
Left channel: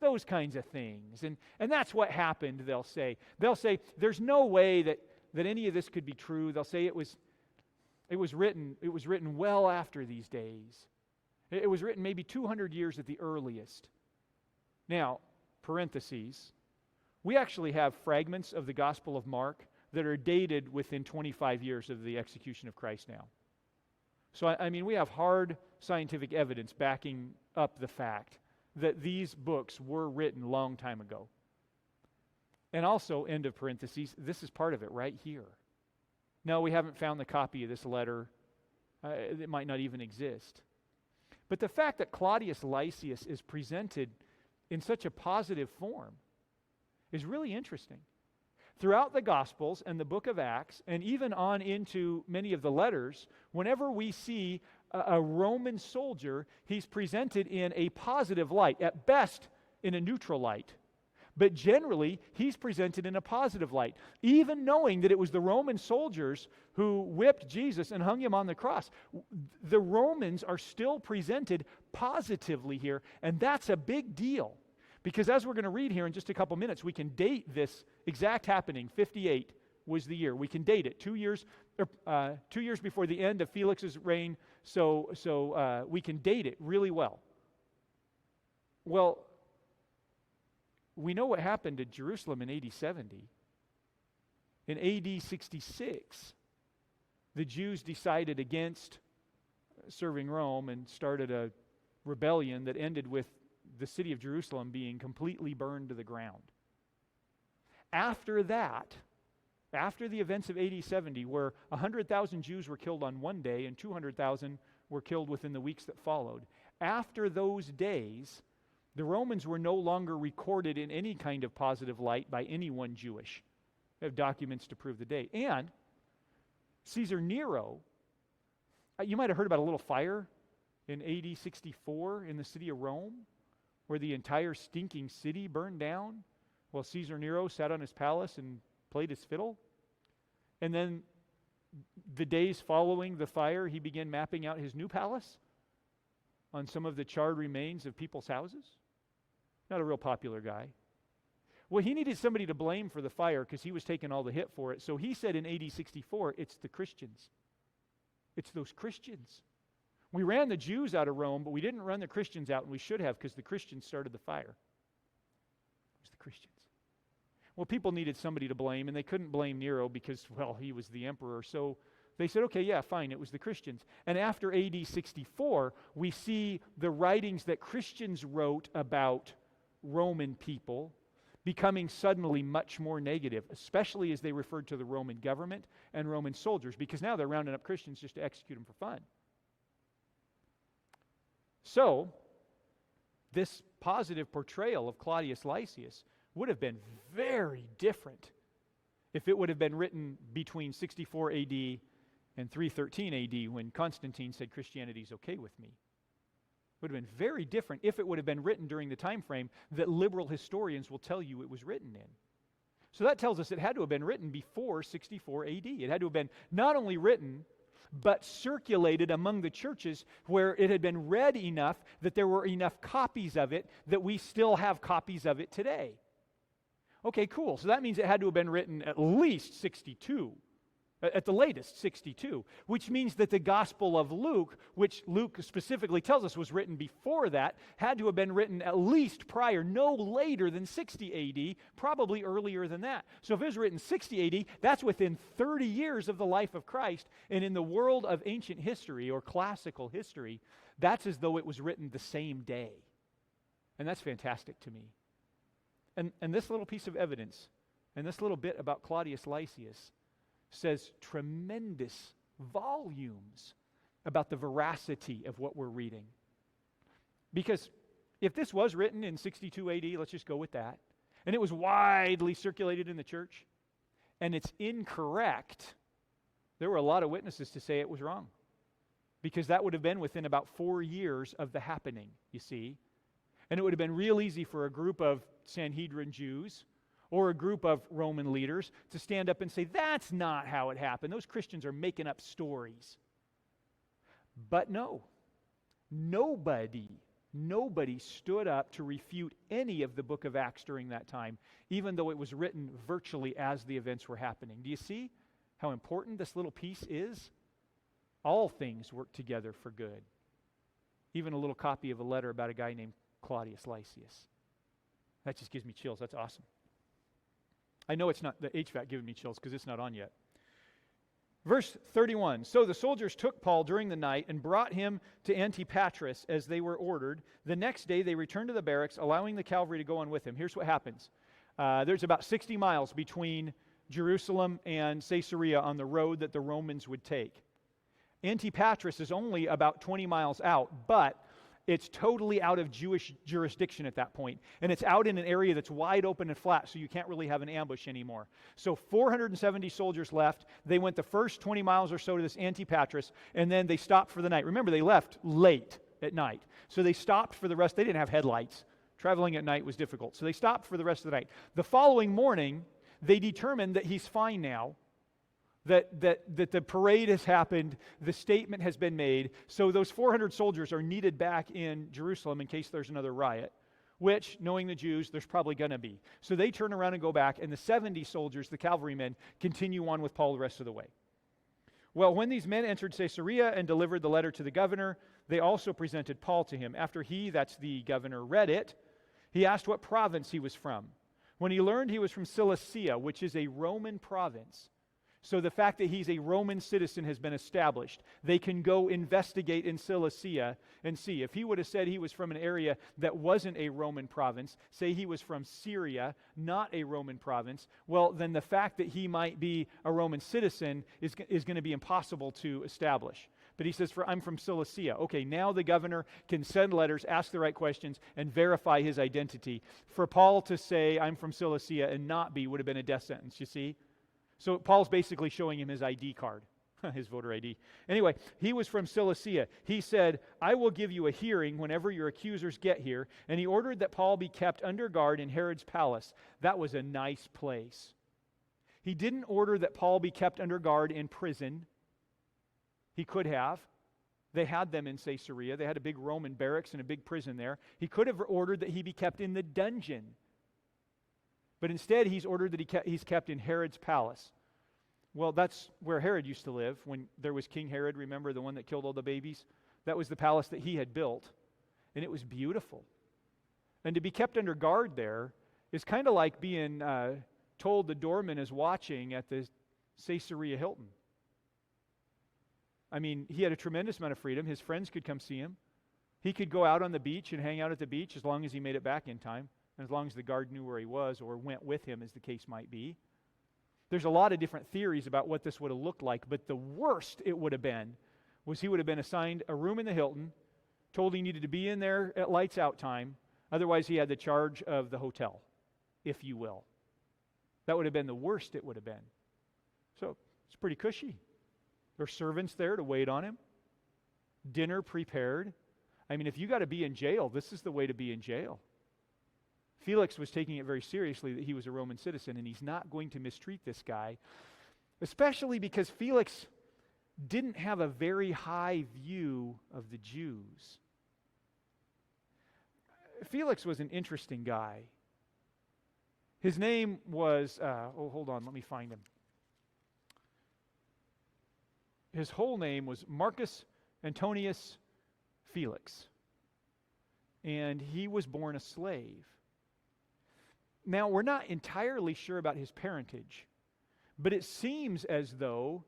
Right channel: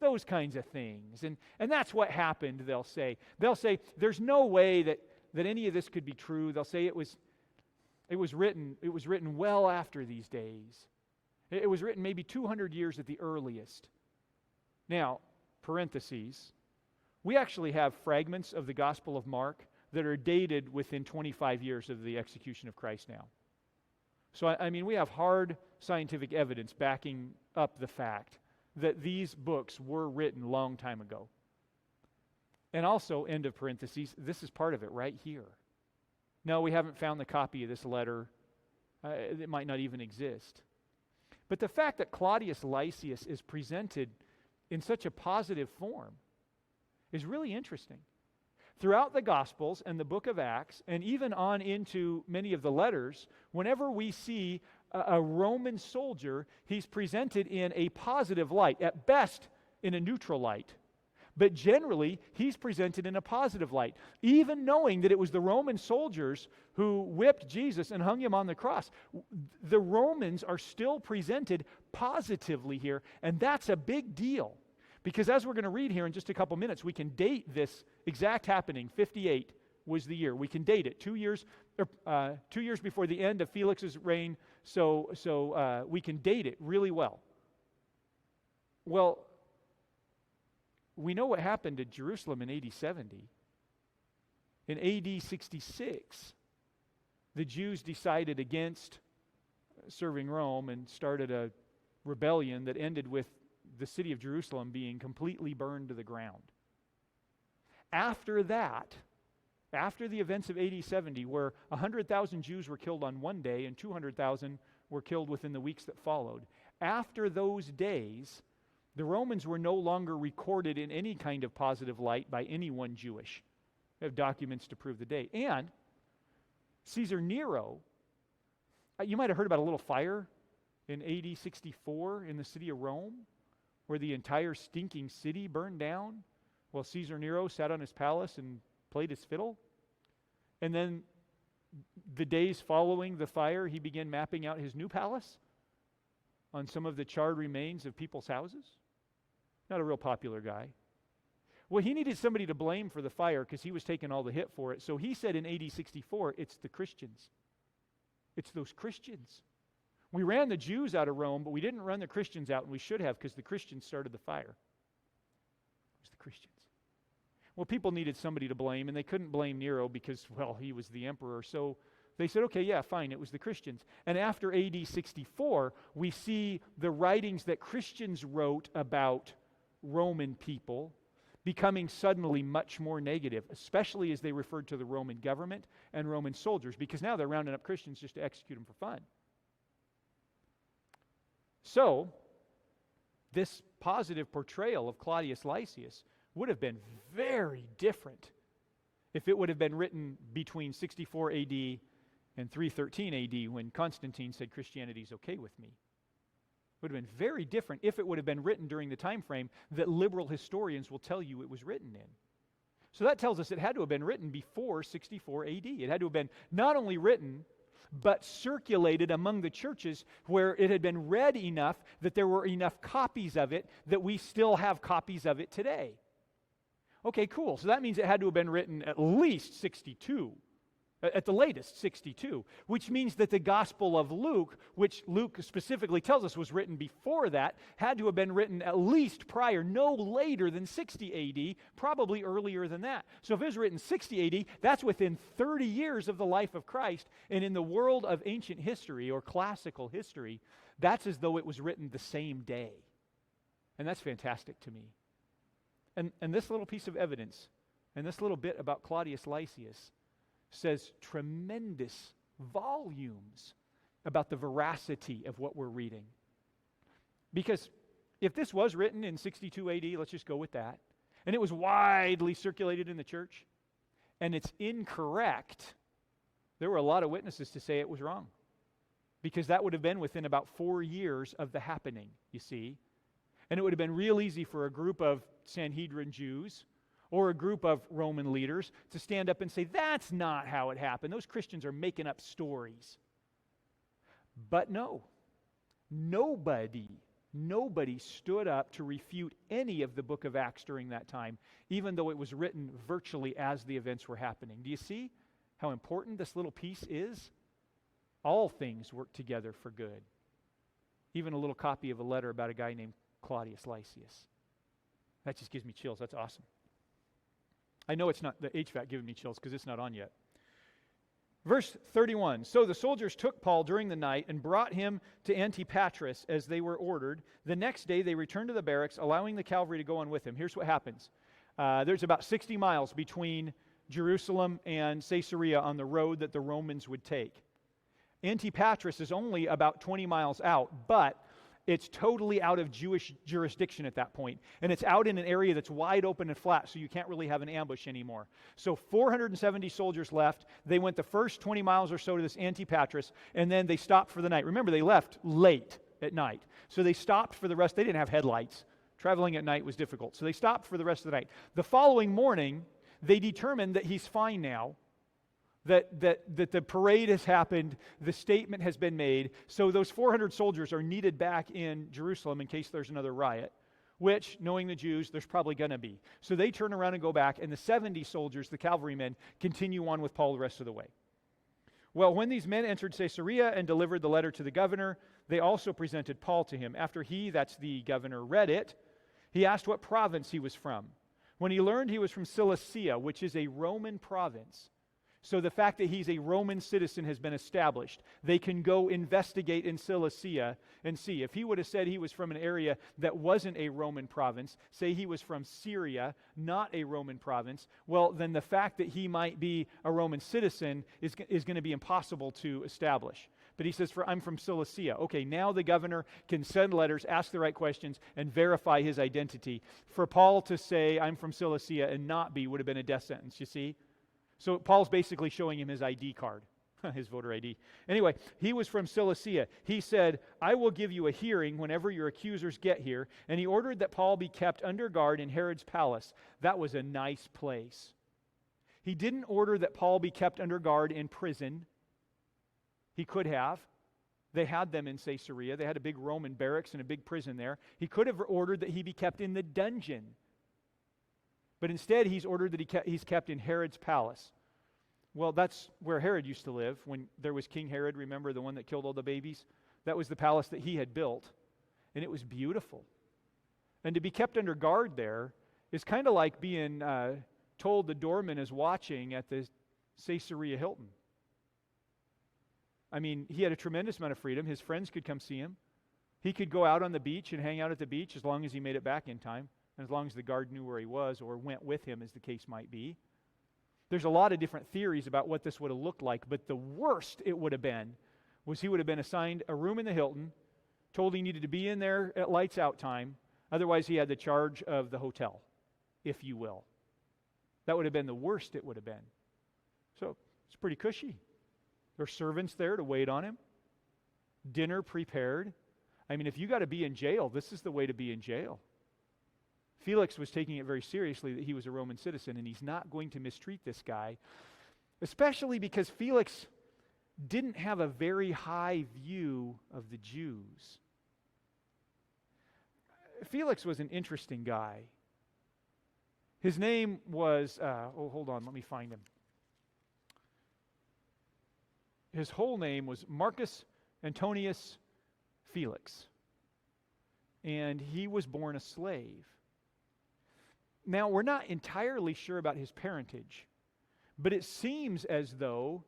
Those kinds of things. And that's what happened, they'll say. They'll say, there's no way that any of this could be true. They'll say it was written well after these days. It was written maybe 200 years at the earliest. Now, parentheses, we actually have fragments of the Gospel of Mark that are dated within 25 years of the execution of Christ now. So, I mean, we have hard scientific evidence backing up the fact that these books were written a long time ago. And also, end of parentheses, this is part of it right here. No, we haven't found the copy of this letter. It might not even exist. But the fact that Claudius Lysias is presented in such a positive form is really interesting. Throughout the Gospels and the book of Acts, and even on into many of the letters, whenever we see a Roman soldier, he's presented in a positive light, at best in a neutral light. But generally, he's presented in a positive light, even knowing that it was the Roman soldiers who whipped Jesus and hung him on the cross. The Romans are still presented positively here, and that's a big deal. Because as we're going to read here in just a couple minutes, we can date this exact happening. 58 was the year. We can date it 2 years before the end of Felix's reign, so we can date it really well. Well, we know what happened at Jerusalem in AD 70. In AD 66, the Jews decided against serving Rome and started a rebellion that ended with the city of Jerusalem being completely burned to the ground. After that, after the events of AD 70, where 100,000 Jews were killed on one day and 200,000 were killed within the weeks that followed, after those days, the Romans were no longer recorded in any kind of positive light by anyone Jewish. We have documents to prove the date. And Caesar Nero, you might have heard about a little fire in AD 64 in the city of Rome, where the entire stinking city burned down. Well, Caesar Nero sat on his palace and played his fiddle. And then the days following the fire, he began mapping out his new palace on some of the charred remains of people's houses. Not a real popular guy. Well, he needed somebody to blame for the fire because he was taking all the hit for it. So he said in AD 64, it's the Christians. It's those Christians. We ran the Jews out of Rome, but we didn't run the Christians out, and we should have because the Christians started the fire. It was the Christians. Well, people needed somebody to blame, and they couldn't blame Nero because, well, he was the emperor. So they said, okay, yeah, fine, it was the Christians. And after AD 64, we see the writings that Christians wrote about Roman people becoming suddenly much more negative, especially as they referred to the Roman government and Roman soldiers, because now they're rounding up Christians just to execute them for fun. So, this positive portrayal of Claudius Lysias would have been very different if it would have been written between 64 AD and 313 AD when Constantine said Christianity is okay with me. It would have been very different if it would have been written during the time frame that liberal historians will tell you it was written in. So that tells us it had to have been written before 64 AD. It had to have been not only written, but circulated among the churches where it had been read enough that there were enough copies of it that we still have copies of it today. Okay, cool. So that means it had to have been written at least 62. At the latest, 62, which means that the Gospel of Luke, which Luke specifically tells us was written before that, had to have been written at least prior, no later than 60 AD, probably earlier than that. So if it was written 60 AD, that's within 30 years of the life of Christ, and in the world of ancient history or classical history, that's as though it was written the same day. And that's fantastic to me. And this little piece of evidence, and this little bit about Claudius Lysias, says tremendous volumes about the veracity of what we're reading. Because if this was written in 62 AD, let's just go with that, and it was widely circulated in the church, and it's incorrect, there were a lot of witnesses to say it was wrong. Because that would have been within about 4 years of the happening, you see. And it would have been real easy for a group of Sanhedrin Jews or a group of Roman leaders to stand up and say, that's not how it happened. Those Christians are making up stories. But no, nobody stood up to refute any of the book of Acts during that time, even though it was written virtually as the events were happening. Do you see how important this little piece is? All things work together for good. Even a little copy of a letter about a guy named Claudius Lysias. That just gives me chills. That's awesome. I know it's not the HVAC giving me chills because it's not on yet. Verse 31, so the soldiers took Paul during the night and brought him to Antipatris as they were ordered. The next day they returned to the barracks, allowing the cavalry to go on with him. Here's what happens. There's about 60 miles between Jerusalem and Caesarea on the road that the Romans would take. Antipatris is only about 20 miles out, but it's totally out of Jewish jurisdiction at that point. And it's out in an area that's wide open and flat, so you can't really have an ambush anymore. So 470 soldiers left. They went the first 20 miles or so to this Antipatris, and then they stopped for the night. Remember, they left late at night. So they stopped for the rest. They didn't have headlights. Traveling at night was difficult. So they stopped for the rest of the night. The following morning, they determined that he's fine now, that the parade has happened, the statement has been made, so those 400 soldiers are needed back in Jerusalem in case there's another riot. which, knowing the Jews, there's probably going to be. So they turn around and go back, and the 70 soldiers, the cavalrymen, continue on with Paul the rest of the way. Well, when these men entered Caesarea and delivered the letter to the governor, they also presented Paul to him. After he, that's the governor, read it, he asked what province he was from. When he learned he was from Cilicia, which is a Roman province, so the fact that he's a Roman citizen has been established. They can go investigate in Cilicia and see. If he would have said he was from an area that wasn't a Roman province, say he was from Syria, not a Roman province, well, then the fact that he might be a Roman citizen is going to be impossible to establish. But he says, I'm from Cilicia. Okay, now the governor can send letters, ask the right questions, and verify his identity. For Paul to say, I'm from Cilicia and not be would have been a death sentence, you see? So Paul's basically showing him his ID card, his voter ID. Anyway, he was from Cilicia. He said, I will give you a hearing whenever your accusers get here. And he ordered that Paul be kept under guard in Herod's palace. That was a nice place. He didn't order that Paul be kept under guard in prison. He could have. They had them in Caesarea. They had a big Roman barracks and a big prison there. He could have ordered that he be kept in the dungeon. But instead, he's ordered that he's kept in Herod's palace. Well, that's where Herod used to live when there was King Herod. Remember the one that killed all the babies? That was the palace that he had built. And it was beautiful. And to be kept under guard there is kind of like being told the doorman is watching at the Caesarea Hilton. I mean, he had a tremendous amount of freedom. His friends could come see him. He could go out on the beach and hang out at the beach as long as he made it back in time. As long as the guard knew where he was or went with him, as the case might be. There's a lot of different theories about what this would have looked like, but the worst it would have been was he would have been assigned a room in the Hilton, told he needed to be in there at lights out time, otherwise he had the charge of the hotel, if you will. That would have been the worst it would have been. So, it's pretty cushy. There's servants there to wait on him, dinner prepared. I mean, if you got to be in jail, this is the way to be in jail. Felix was taking it very seriously that he was a Roman citizen, and he's not going to mistreat this guy, especially because Felix didn't have a very high view of the Jews. Felix was an interesting guy. His name was, hold on, let me find him. His whole name was Marcus Antonius Felix, and he was born a slave. Now, we're not entirely sure about his parentage, but it seems as though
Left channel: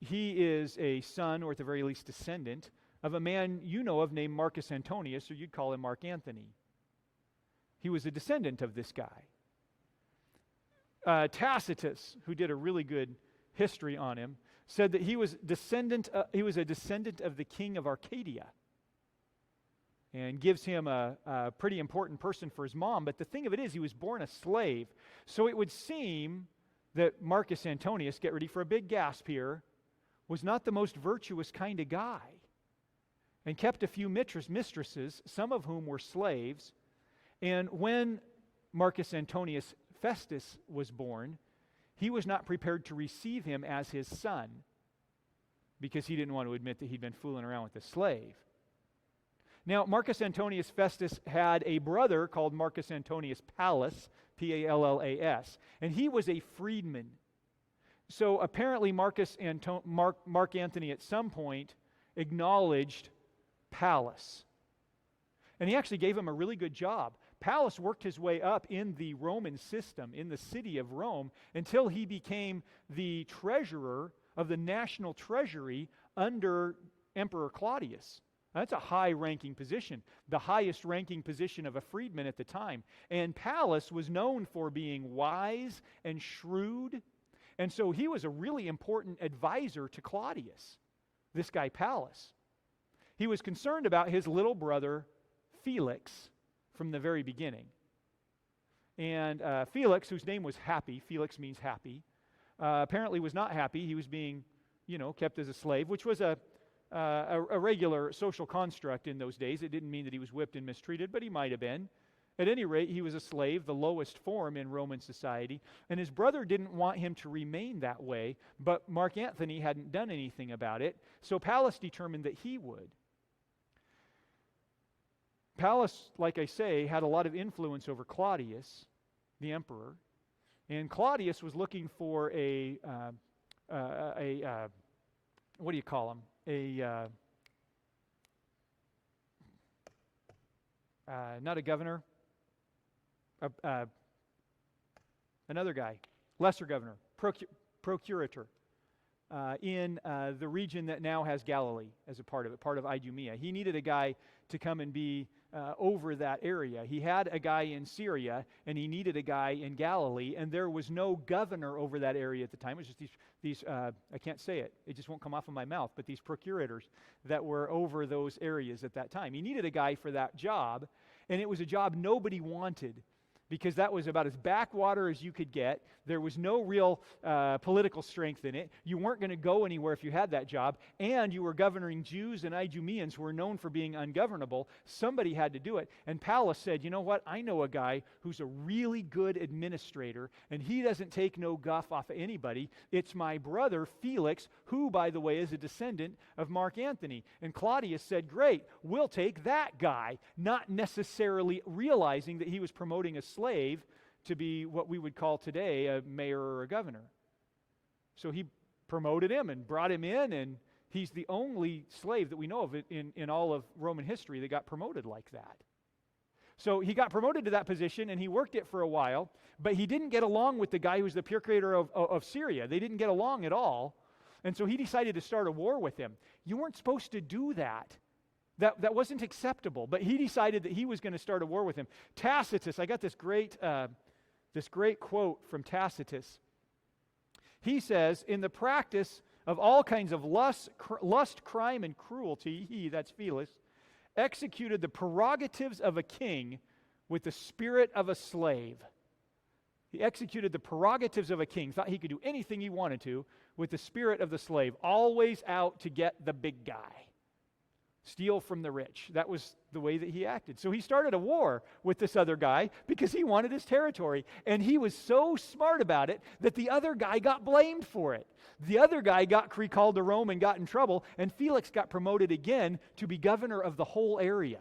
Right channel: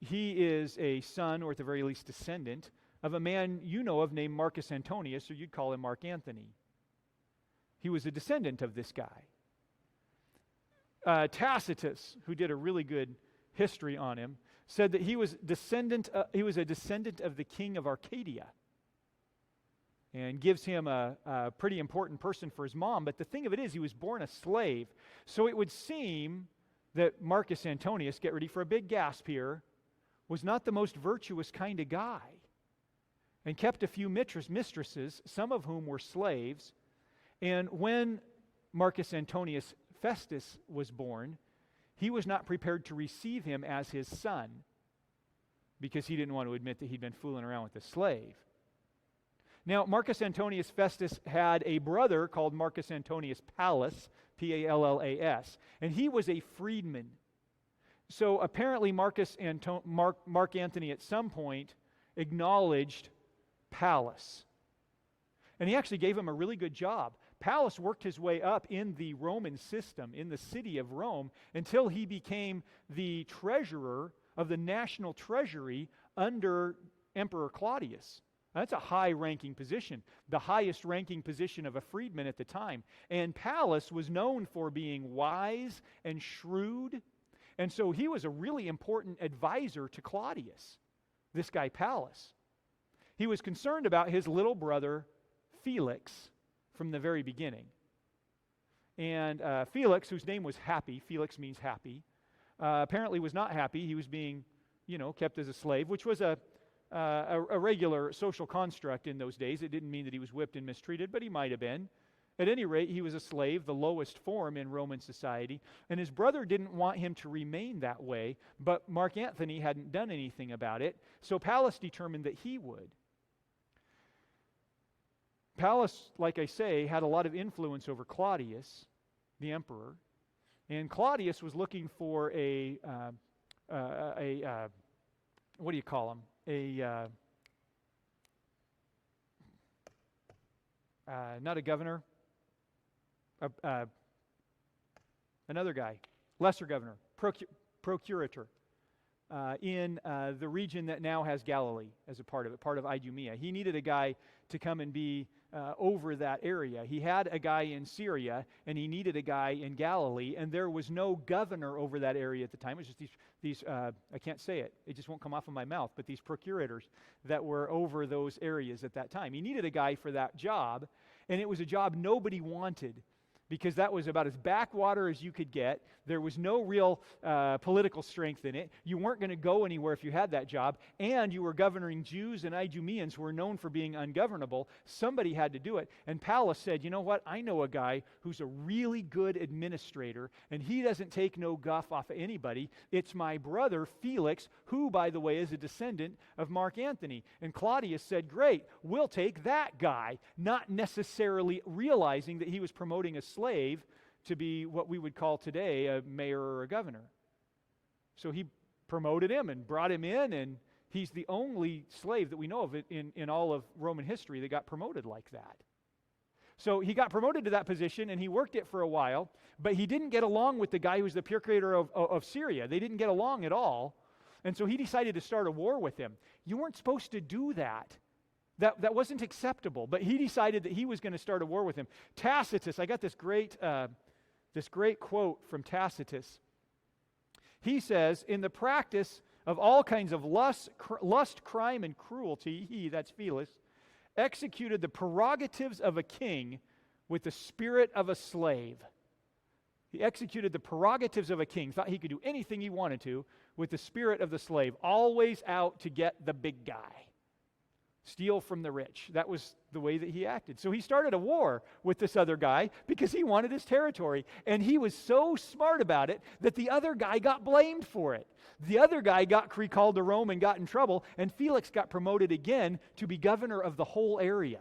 he is a son, or at the very least descendant, of a man you know of named Marcus Antonius, or you'd call him Mark Antony. He was a descendant of this guy. Tacitus, who did a really good history on him, said that he was a descendant of the king of Arcadia, and gives him a pretty important person for his mom. But the thing of it is, he was born a slave. So it would seem that Marcus Antonius, get ready for a big gasp here, was not the most virtuous kind of guy, and kept a few mistresses, some of whom were slaves. And when Marcus Antonius Festus was born, he was not prepared to receive him as his son, because he didn't want to admit that he'd been fooling around with a slave. Now, Marcus Antonius Festus had a brother called Marcus Antonius Pallas, Pallas, and he was a freedman. So apparently Mark Antony at some point acknowledged Pallas. And he actually gave him a really good job. Pallas worked his way up in the Roman system, in the city of Rome, until he became the treasurer of the national treasury under Emperor Claudius. That's a high-ranking position, the highest-ranking position of a freedman at the time. And Pallas was known for being wise and shrewd, and so he was a really important advisor to Claudius, this guy Pallas. He was concerned about his little brother, Felix, from the very beginning. And Felix, whose name was Happy, Felix means happy, apparently was not happy. He was being, kept as a slave, which was a regular social construct in those days. It didn't mean that he was whipped and mistreated, but he might have been. At any rate, he was a slave, the lowest form in Roman society, and his brother didn't want him to remain that way, but Mark Antony hadn't done anything about it, so Pallas determined that he would. Pallas, like I say, had a lot of influence over Claudius, the emperor, and Claudius was looking for what do you call him? Not a governor, another guy, lesser governor, procurator, in the region that now has Galilee as a part of it, part of Idumea. He needed a guy to come and be over that area. He had a guy in Syria, and he needed a guy in Galilee, and there was no governor over that area at the time. It was just these I can't say it. It just won't come off of my mouth, but these procurators that were over those areas at that time. He needed a guy for that job, and it was a job nobody wanted, because that was about as backwater as you could get. There was no real political strength in it. You weren't going to go anywhere if you had that job, and you were governing Jews and Idumeans who were known for being ungovernable. Somebody had to do it. And Pallas said, you know what? I know a guy who's a really good administrator, and he doesn't take no guff off of anybody. It's my brother, Felix, who, by the way, is a descendant of Mark Antony. And Claudius said, great, we'll take that guy, not necessarily realizing that he was promoting a slave to be what we would call today a mayor or a governor. So he promoted him and brought him in, and he's the only slave that we know of in all of Roman history that got promoted like that. So he got promoted to that position, and he worked it for a while, but he didn't get along with the guy who's the procurator of Syria. They didn't get along at all, and so he decided to start a war with him. You weren't supposed to do that. That wasn't acceptable, but he decided that he was going to start a war with him. Tacitus, I got this great quote from Tacitus. He says, in the practice of all kinds of lust, crime, and cruelty, he, that's Felix, executed the prerogatives of a king with the spirit of a slave. He executed the prerogatives of a king, thought he could do anything he wanted to with the spirit of the slave, always out to get the big guy. Steal from the rich. That was the way that he acted. So he started a war with this other guy because he wanted his territory. And he was so smart about it that the other guy got blamed for it. The other guy got recalled to Rome and got in trouble, and Felix got promoted again to be governor of the whole area.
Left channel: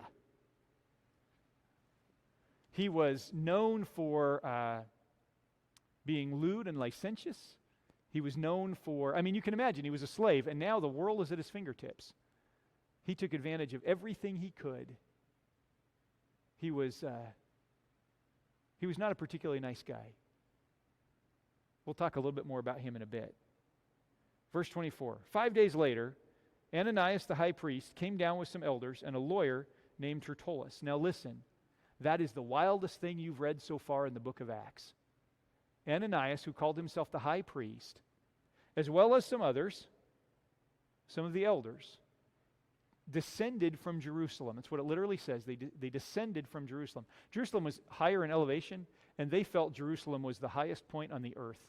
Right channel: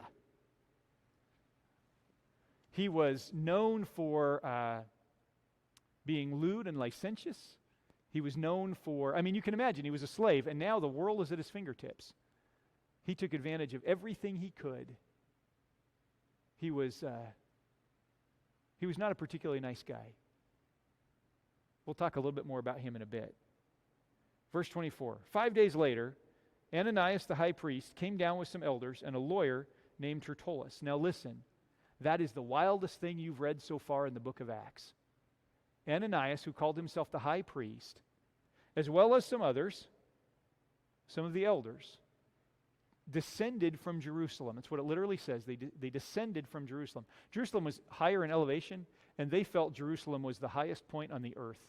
He was known for being lewd and licentious. He was known for, you can imagine, he was a slave, and now the world is at his fingertips. He took advantage of everything he could. He was not a particularly nice guy. We'll talk a little bit more about him in a bit. Verse 24. 5 days later, Ananias the high priest came down with some elders and a lawyer named Tertullus. Now listen, that is the wildest thing you've read so far in the book of Acts. Ananias, who called himself the high priest, as well as some others, some of the elders, descended from Jerusalem. That's what it literally says. They descended from Jerusalem. Jerusalem was higher in elevation, and they felt Jerusalem was the highest point on the earth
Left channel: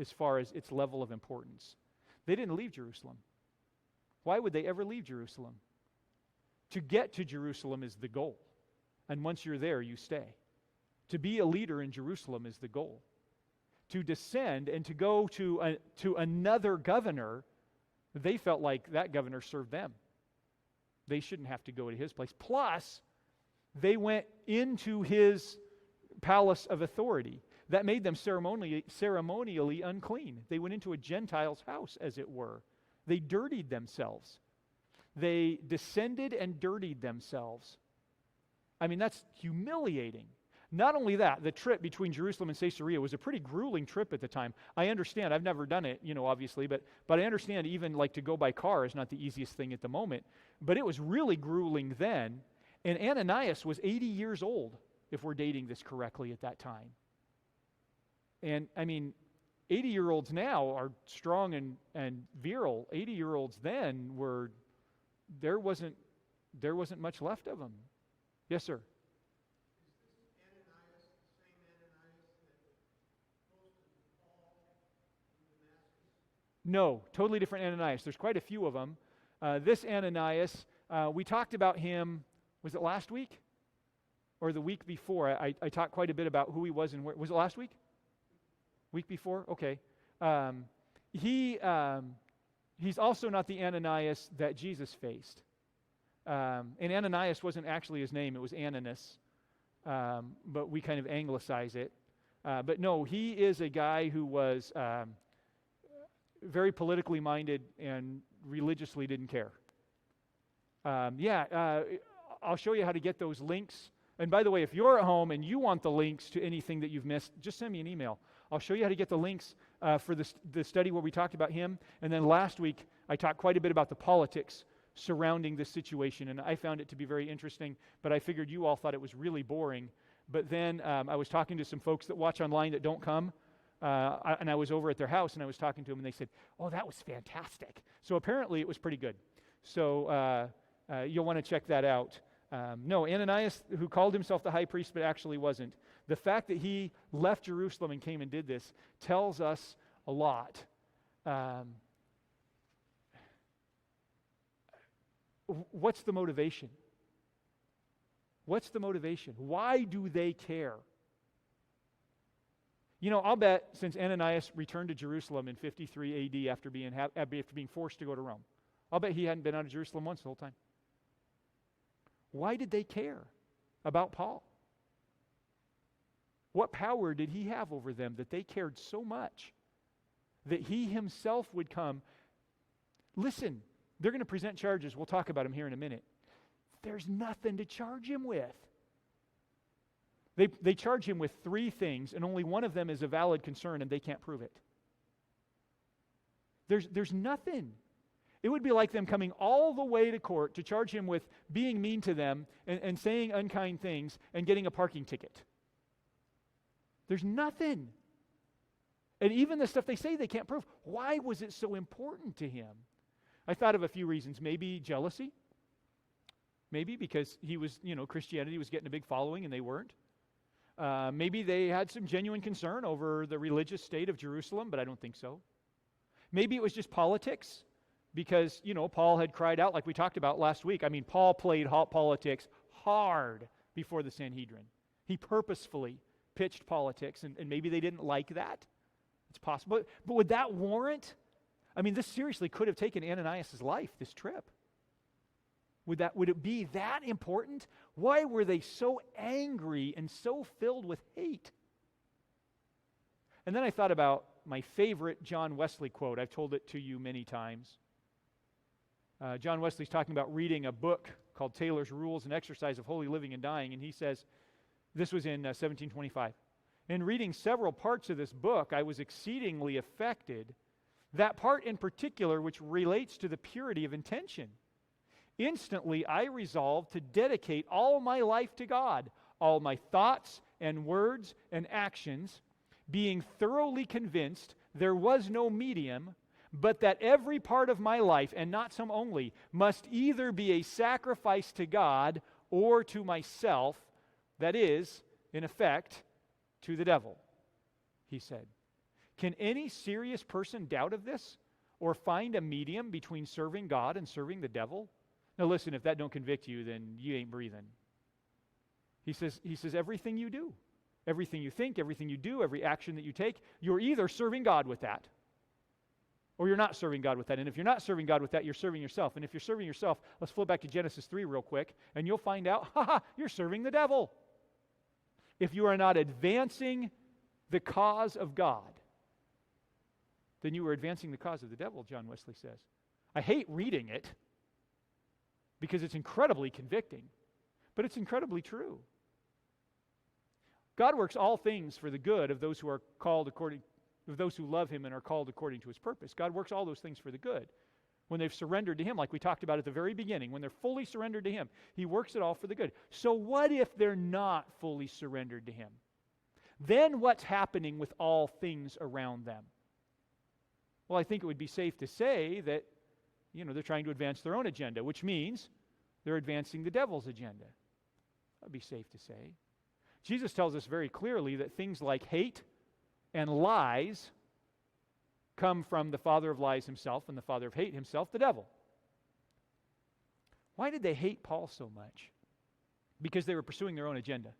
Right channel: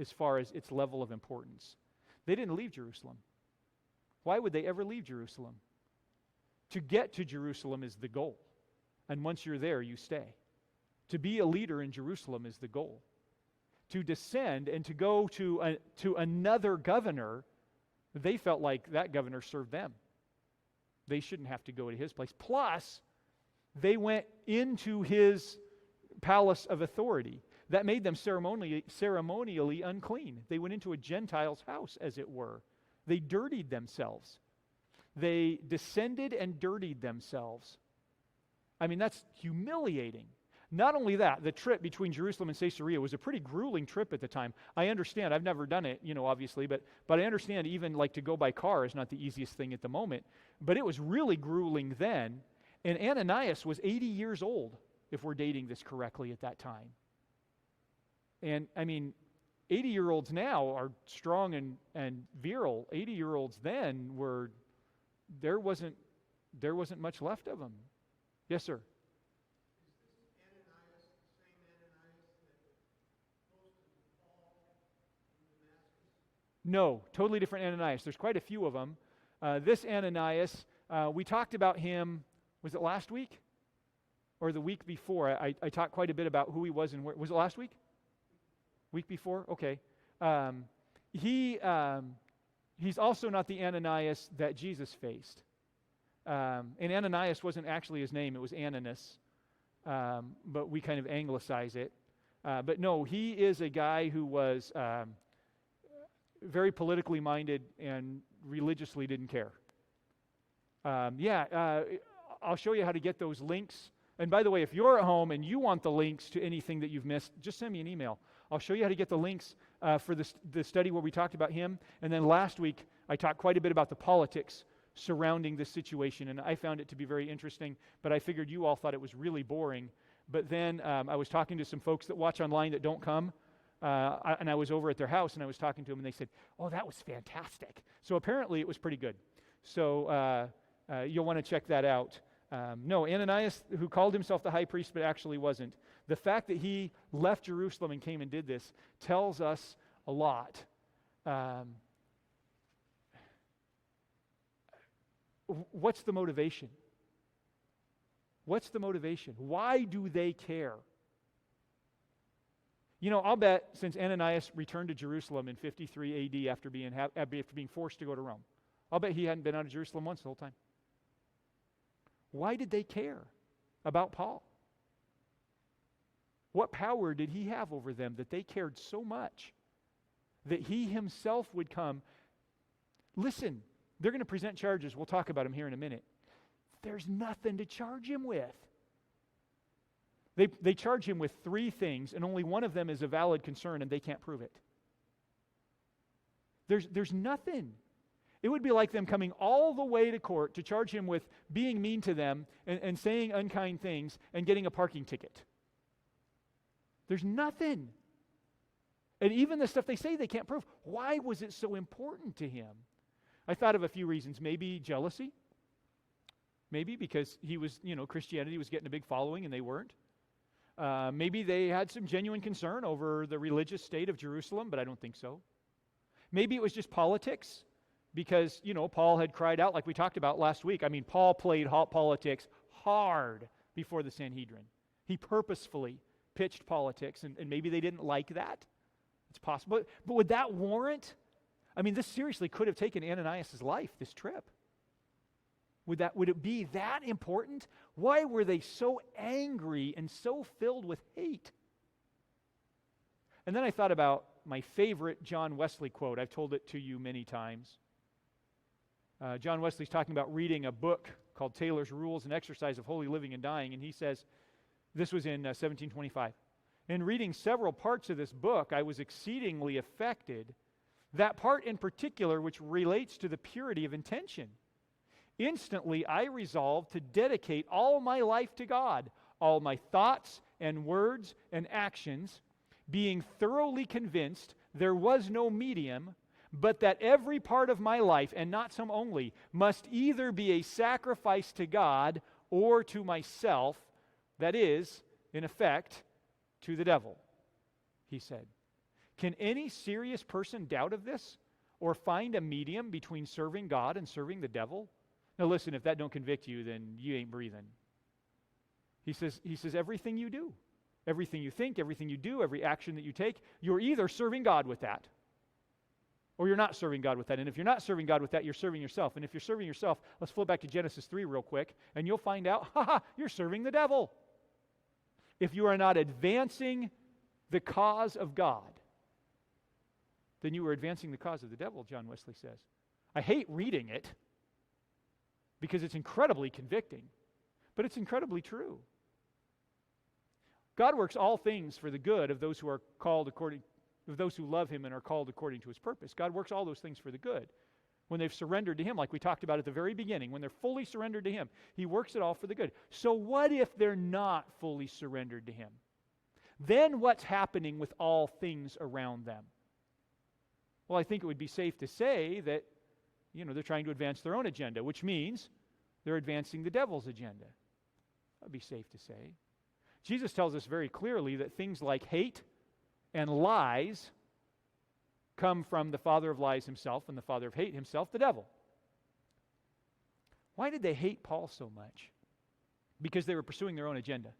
as far as its level of importance. They didn't leave Jerusalem. Why would they ever leave Jerusalem? To get to Jerusalem is the goal. And once you're there, you stay. To be a leader in Jerusalem is the goal. To descend and to go to another governor, they felt like that governor served them. They shouldn't have to go in his place. Plus, they went into his palace of authority. That made them ceremonially unclean. They went into a Gentile's house, as it were. They dirtied themselves. They descended and dirtied themselves. That's humiliating. Not only that, the trip between Jerusalem and Caesarea was a pretty grueling trip at the time. I understand. I've never done it, obviously, but I understand even to go by car is not the easiest thing at the moment. But it was really grueling then. And Ananias was 80 years old, if we're dating this correctly at that time. And 80-year-olds now are strong and virile. 80-year-olds then there wasn't much left of them. Yes, sir. No, totally different Ananias. There's quite a few of them. This Ananias, we talked about him, was it last week? Or the week before? I talked quite a bit about who he was and where. Was it last week? Week before? Okay. He's also not the Ananias that Jesus faced. And Ananias wasn't actually his name, it was Ananias. But we kind of anglicize it. But no, he is a guy who was very politically minded and religiously didn't care. I'll show you how to get those links. And by the way, if you're at home and you want the links to anything that you've missed, just send me an email. I'll show you how to get the links for the study where we talked about him. And then last week, I talked quite a bit about the politics surrounding this situation, and I found it to be very interesting, but I figured you all thought it was really boring. But then I was talking to some folks that watch online that don't come, and I was over at their house, and I was talking to them, and they said, oh, that was fantastic. So apparently it was pretty good. So you'll want to check that out. No, Ananias, who called himself the high priest but actually wasn't, the fact that he left Jerusalem and came and did this tells us a lot. What's the motivation? What's the motivation? Why do they care? You know, I'll bet since Ananias returned to Jerusalem in 53 AD after being forced to go to Rome, I'll bet he hadn't been out of Jerusalem once the whole time. Why did they care about Paul? What power did he have over them that they cared so much that he himself would come? Listen, they're going to present charges. We'll talk about them here in a minute. There's nothing to charge him with. They charge him with three things, and only one of them is a valid concern, and they can't prove it. There's nothing. It would be like them coming all the way to court to charge him with being mean to them and saying unkind things and getting a parking ticket. There's nothing. And even the stuff they say they can't prove. Why was it so important to him? I thought of a few reasons. Maybe jealousy. Maybe because he was, Christianity was getting a big following and they weren't. Maybe they had some genuine concern over the religious state of Jerusalem, but I don't think so. Maybe it was just politics because, Paul had cried out like we talked about last week. I mean, Paul played politics hard before the Sanhedrin. He purposefully pitched politics, and maybe they didn't like that. It's possible. But would that warrant? I mean, this seriously could have taken Ananias' life, this trip. Would it be that important? Why were they so angry and so filled with hate? And then I thought about my favorite John Wesley quote. I've told it to you many times. John Wesley's talking about reading a book called Taylor's Rules and Exercise of Holy Living and Dying, and he says, this was in 1725. In reading several parts of this book, I was exceedingly affected. That part in particular, which relates to the purity of intention. Instantly, I resolved to dedicate all my life to God, all my thoughts and words and actions, being thoroughly convinced there was no medium, but that every part of my life, and not some only, must either be a sacrifice to God or to myself, that is, in effect, to the devil, he said. Can any serious person doubt of this or find a medium between serving God and serving the devil? Now listen, if that don't convict you, then you ain't breathing. He says everything you do, everything you think, everything you do, every action that you take, you're either serving God with that or you're not serving God with that. And if you're not serving God with that, you're serving yourself. And if you're serving yourself, let's flip back to Genesis 3 real quick, and you'll find out, you're serving the devil. If you are not advancing the cause of God, then you are advancing the cause of the devil, John Wesley says. I hate reading it because it's incredibly convicting, but it's incredibly true. God works all things for the good of those who are called according, of those who love him and are called according to his purpose. God works all those things for the good. When they've surrendered to him, like we talked about at the very beginning, when they're fully surrendered to him, he works it all for the good. So what if they're not fully surrendered to him? Then what's happening with all things around them? Well, I think it would be safe to say that, they're trying to advance their own agenda, which means they're advancing the devil's agenda. That would be safe to say. Jesus tells us very clearly that things like hate and lies come from the father of lies himself and the father of hate himself, the devil. Why did they hate Paul so much? Because they were pursuing their own agenda.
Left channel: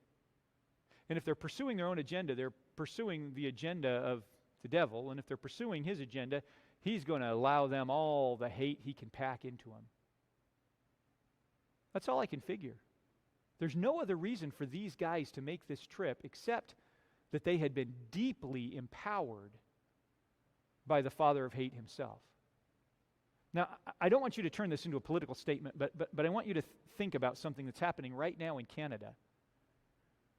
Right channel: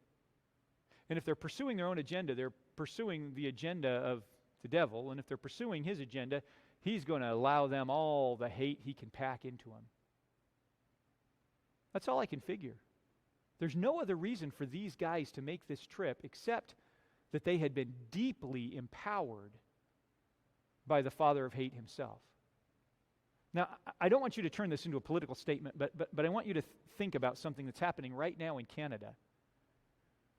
And if they're pursuing their own agenda, they're pursuing the agenda of the devil. And if they're pursuing his agenda, he's going to allow them all the hate he can pack into them. That's all I can figure. There's no other reason for these guys to make this trip except that they had been deeply empowered by the father of hate himself. Now, I don't want you to turn this into a political statement, but I want you to think about something that's happening right now in Canada.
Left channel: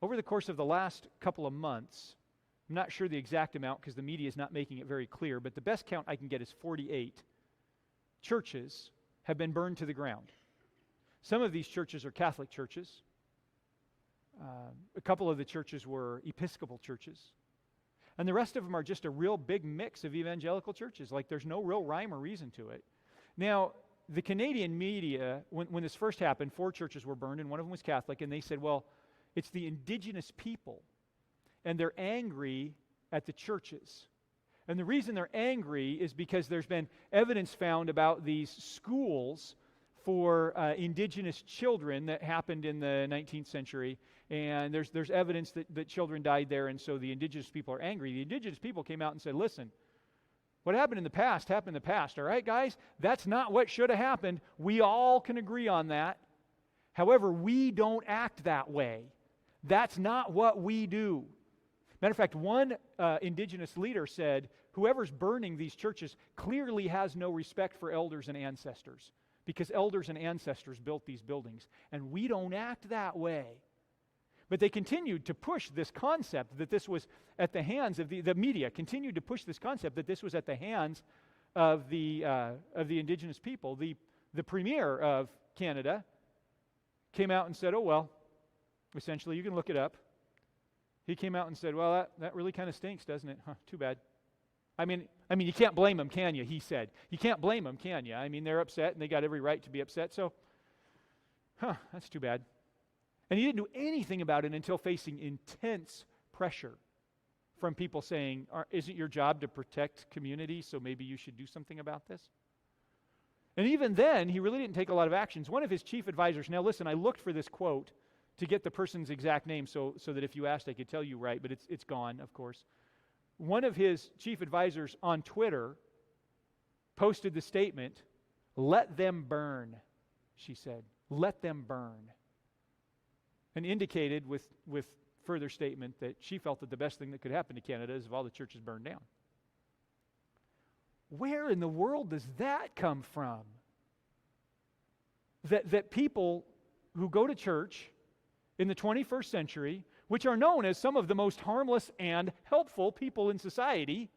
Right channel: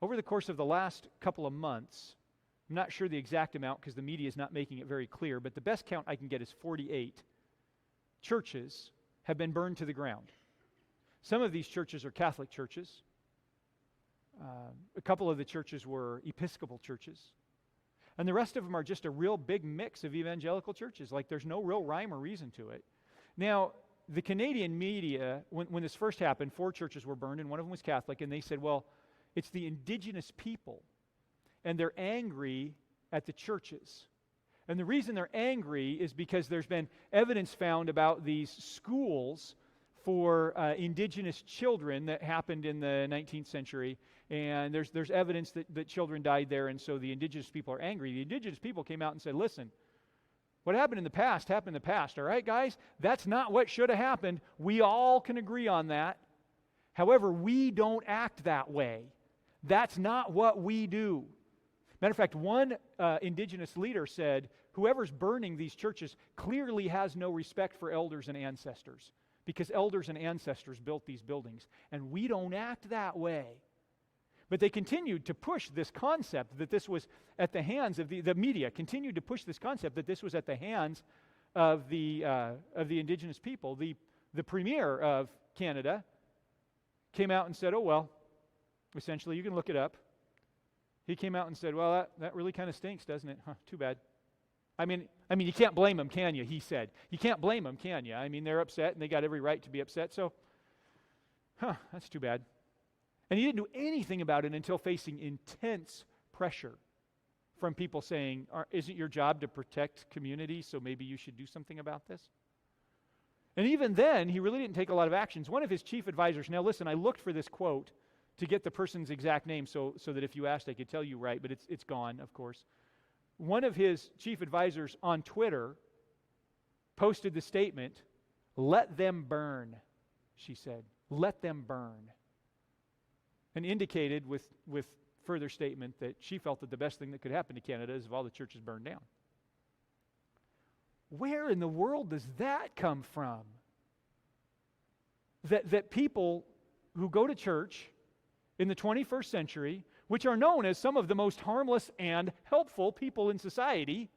Over the course of the last couple of months, I'm not sure the exact amount because the media is not making it very clear, but the best count I can get is 48 churches have been burned to the ground. Some of these churches are Catholic churches. A couple of the churches were Episcopal churches. And the rest of them are just a real big mix of evangelical churches. Like there's no real rhyme or reason to it. Now, the Canadian media, when this first happened, 4 churches were burned and one of them was Catholic. And they said, well, it's the indigenous people. And they're angry at the churches. And the reason they're angry is because there's been evidence found about these schools for indigenous children that happened in the 19th century. And there's evidence that children died there, and so the indigenous people are angry. The indigenous people came out and said, listen, what happened in the past happened in the past, all right, guys? That's not what should have happened. We all can agree on that. However, we don't act that way. That's not what we do. Matter of fact, one indigenous leader said, whoever's burning these churches clearly has no respect for elders and ancestors, because elders and ancestors built these buildings, and we don't act that way. But they continued to push this concept that this was at the hands of the media, continued to push this concept that this was at the hands of the indigenous people. The premier of Canada came out and said, oh, well, essentially, you can look it up. He came out and said, well, that really kind of stinks, doesn't it? Huh, too bad. I mean, you can't blame them, can you? He said. You can't blame them, can you? I mean, they're upset, and they got every right to be upset, so, that's too bad. And he didn't do anything about it until facing intense pressure from people saying, is it your job to protect communities, so maybe you should do something about this? And even then, he really didn't take a lot of actions. One of his chief advisors, now listen, I looked for this quote to get the person's exact name so that if you asked, I could tell you right, but it's gone, of course. One of his chief advisors on Twitter posted the statement, "Let them burn," she said. "Let them burn." And indicated with further statement that she felt that the best thing that could happen to Canada is if all the churches burned down. Where in the world does that come from? That people who go to church in the 21st century, which are known as some of the most harmless and helpful people in society,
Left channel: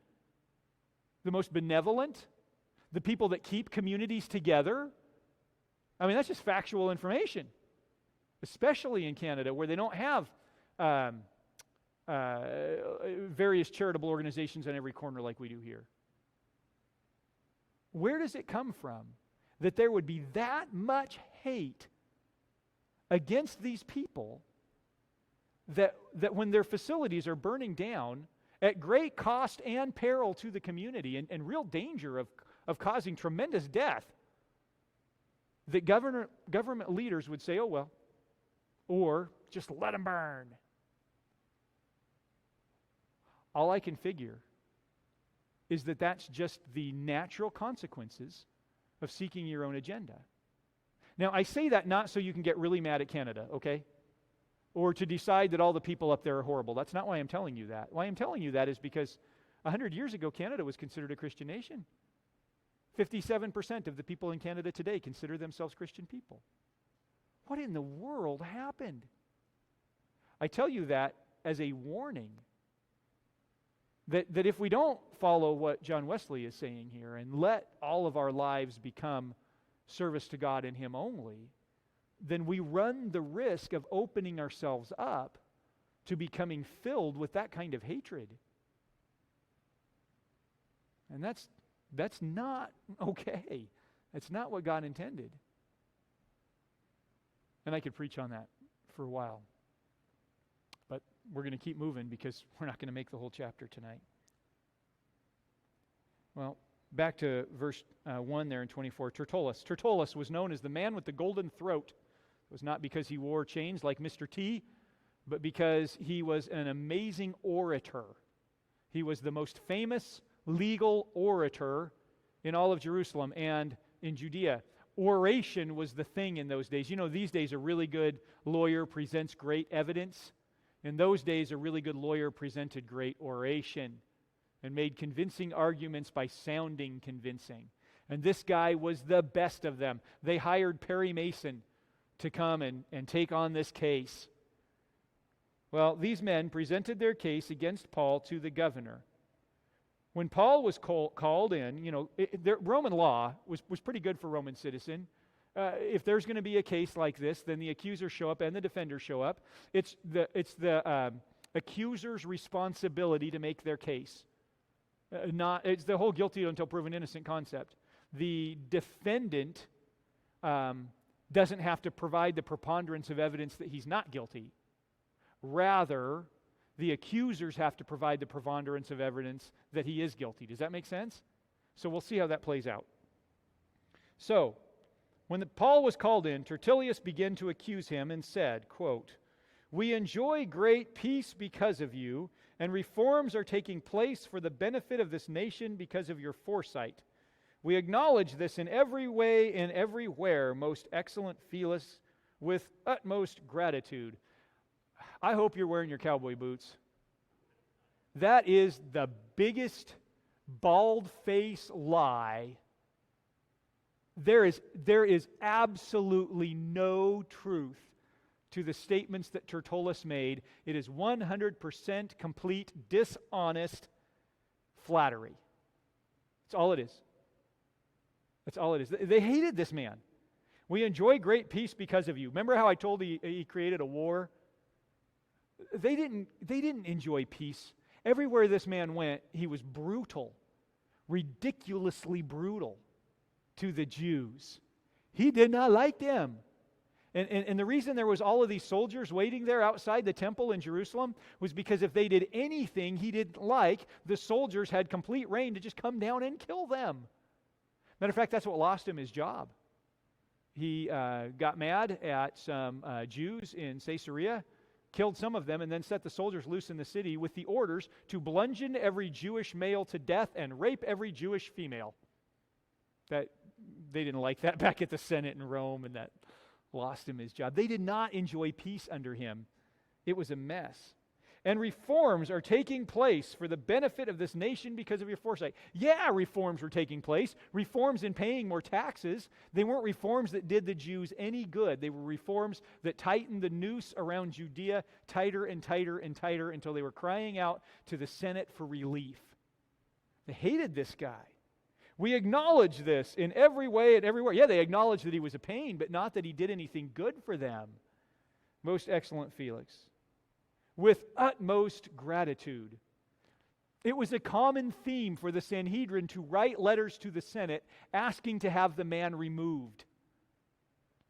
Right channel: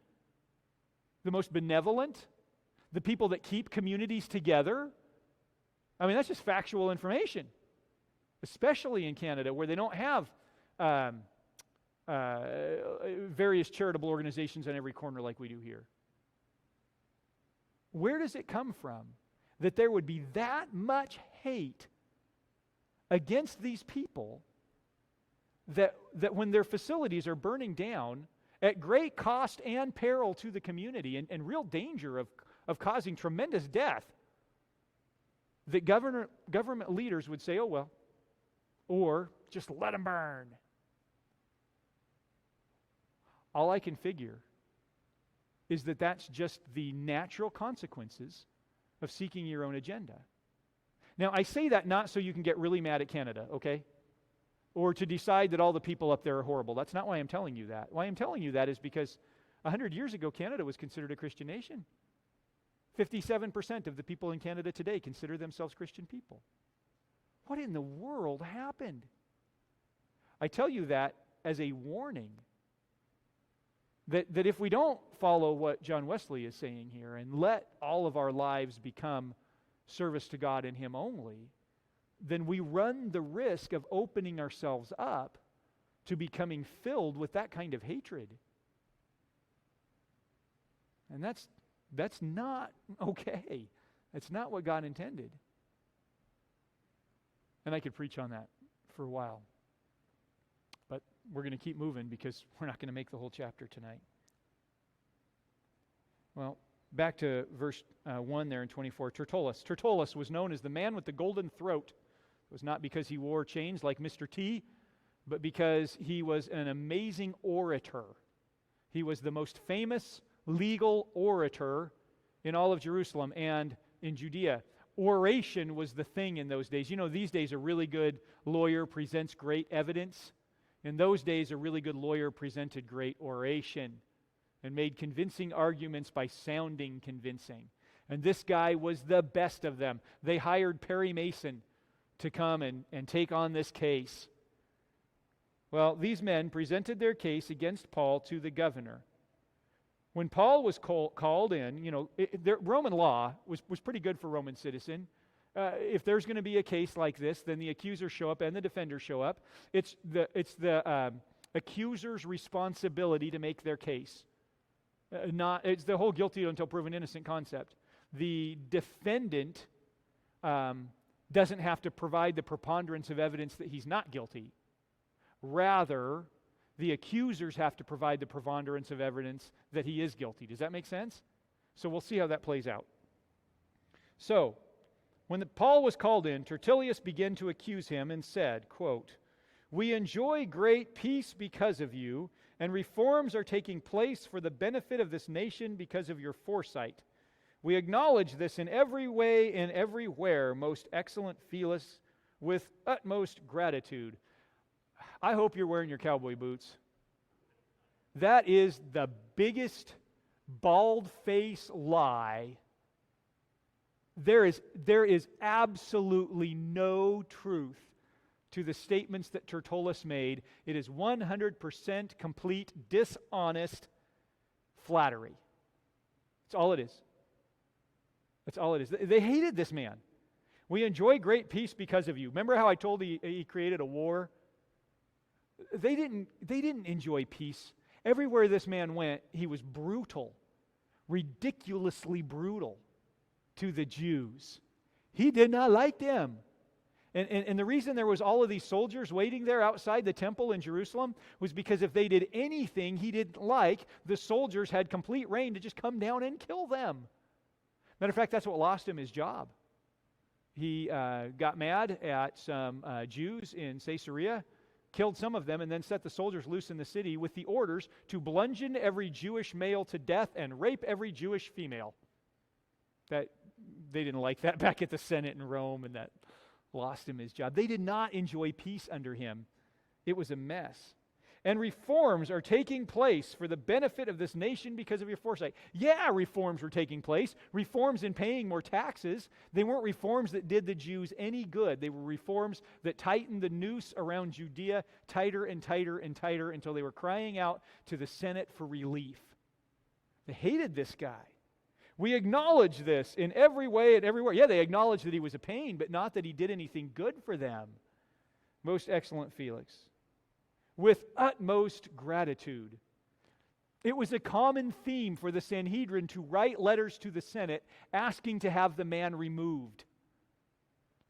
the most benevolent, the people that keep communities together. I mean, that's just factual information, especially in Canada, where they don't have various charitable organizations in every corner like we do here. Where does it come from that there would be that much hate against these people that when their facilities are burning down at great cost and peril to the community and real danger of causing tremendous death, that government leaders would say, oh, well, or just let them burn? All I can figure is that that's just the natural consequences of seeking your own agenda. Now, I say that not so you can get really mad at Canada, okay? Or to decide that all the people up there are horrible. That's not why I'm telling you that. Why I'm telling you that is because 100 years ago, Canada was considered a Christian nation. 57% of the people in Canada today consider themselves Christian people. What in the world happened? I tell you that as a warning that if we don't follow what John Wesley is saying here and let all of our lives become service to God and Him only, then we run the risk of opening ourselves up to becoming filled with that kind of hatred. And that's not okay. That's not what God intended. And I could preach on that for a while. But we're going to keep moving because we're not going to make the whole chapter tonight. Well, back to verse 1 there in 24. Tertullus. Tertullus was known as the man with the golden throat. It was not because he wore chains like Mr. T, but because he was an amazing orator. He was the most famous legal orator in all of Jerusalem and in Judea. oration was the thing in those days. You know, these days a really good lawyer presents great evidence. In those days, a really good lawyer presented great oration and made convincing arguments by sounding convincing. And this guy was the best of them. They hired Perry Mason to come and take on this case. Well, these men presented their case against Paul to the governor. When Paul was called in, you know, Roman law was pretty good for Roman citizen. If there's going to be a case like this, then the accusers show up and the defenders show up. It's the accuser's responsibility to make their case. It's the whole guilty until proven innocent concept. The defendant doesn't have to provide the preponderance of evidence that he's not guilty. Rather, the accusers have to provide the preponderance of evidence that he is guilty. Does that make sense? So we'll see how that plays out. So, when Paul was called in, Tertullius began to accuse him and said, quote, "We enjoy great peace because of you, and reforms are taking place for the benefit of this nation because of your foresight. We acknowledge this in every way and everywhere, most excellent Felix, with utmost gratitude." I hope you're wearing your cowboy boots. That is the biggest bald-faced lie. There is absolutely no truth to the statements that Tertullus made. It is 100% complete, dishonest flattery. That's all it is. That's all it is. They hated this man. "We enjoy great peace because of you." Remember how I told you he created a war? They didn't enjoy peace. Everywhere this man went, he was brutal, ridiculously brutal to the Jews. He did not like them. And the reason there was all of these soldiers waiting there outside the temple in Jerusalem was because if they did anything he didn't like, the soldiers had complete reign to just come down and kill them. Matter of fact, that's what lost him his job. He got mad at some Jews in Caesarea, killed some of them, and then set the soldiers loose in the city with the orders to bludgeon every Jewish male to death and rape every Jewish female. That they didn't like that back at the Senate in Rome, and that lost him his job. They did not enjoy peace under him. It was a mess. And reforms are taking place for the benefit of this nation because of your foresight. Yeah, reforms were taking place. Reforms in paying more taxes. They weren't reforms that did the Jews any good. They were reforms that tightened the noose around Judea tighter and tighter and tighter until they were crying out to the Senate for relief. They hated this guy. We acknowledge this in every way and everywhere. Yeah, they acknowledged that he was a pain, but not that he did anything good for them. Most excellent Felix. With utmost gratitude. It was a common theme for the Sanhedrin to write letters to the Senate asking to have the man removed.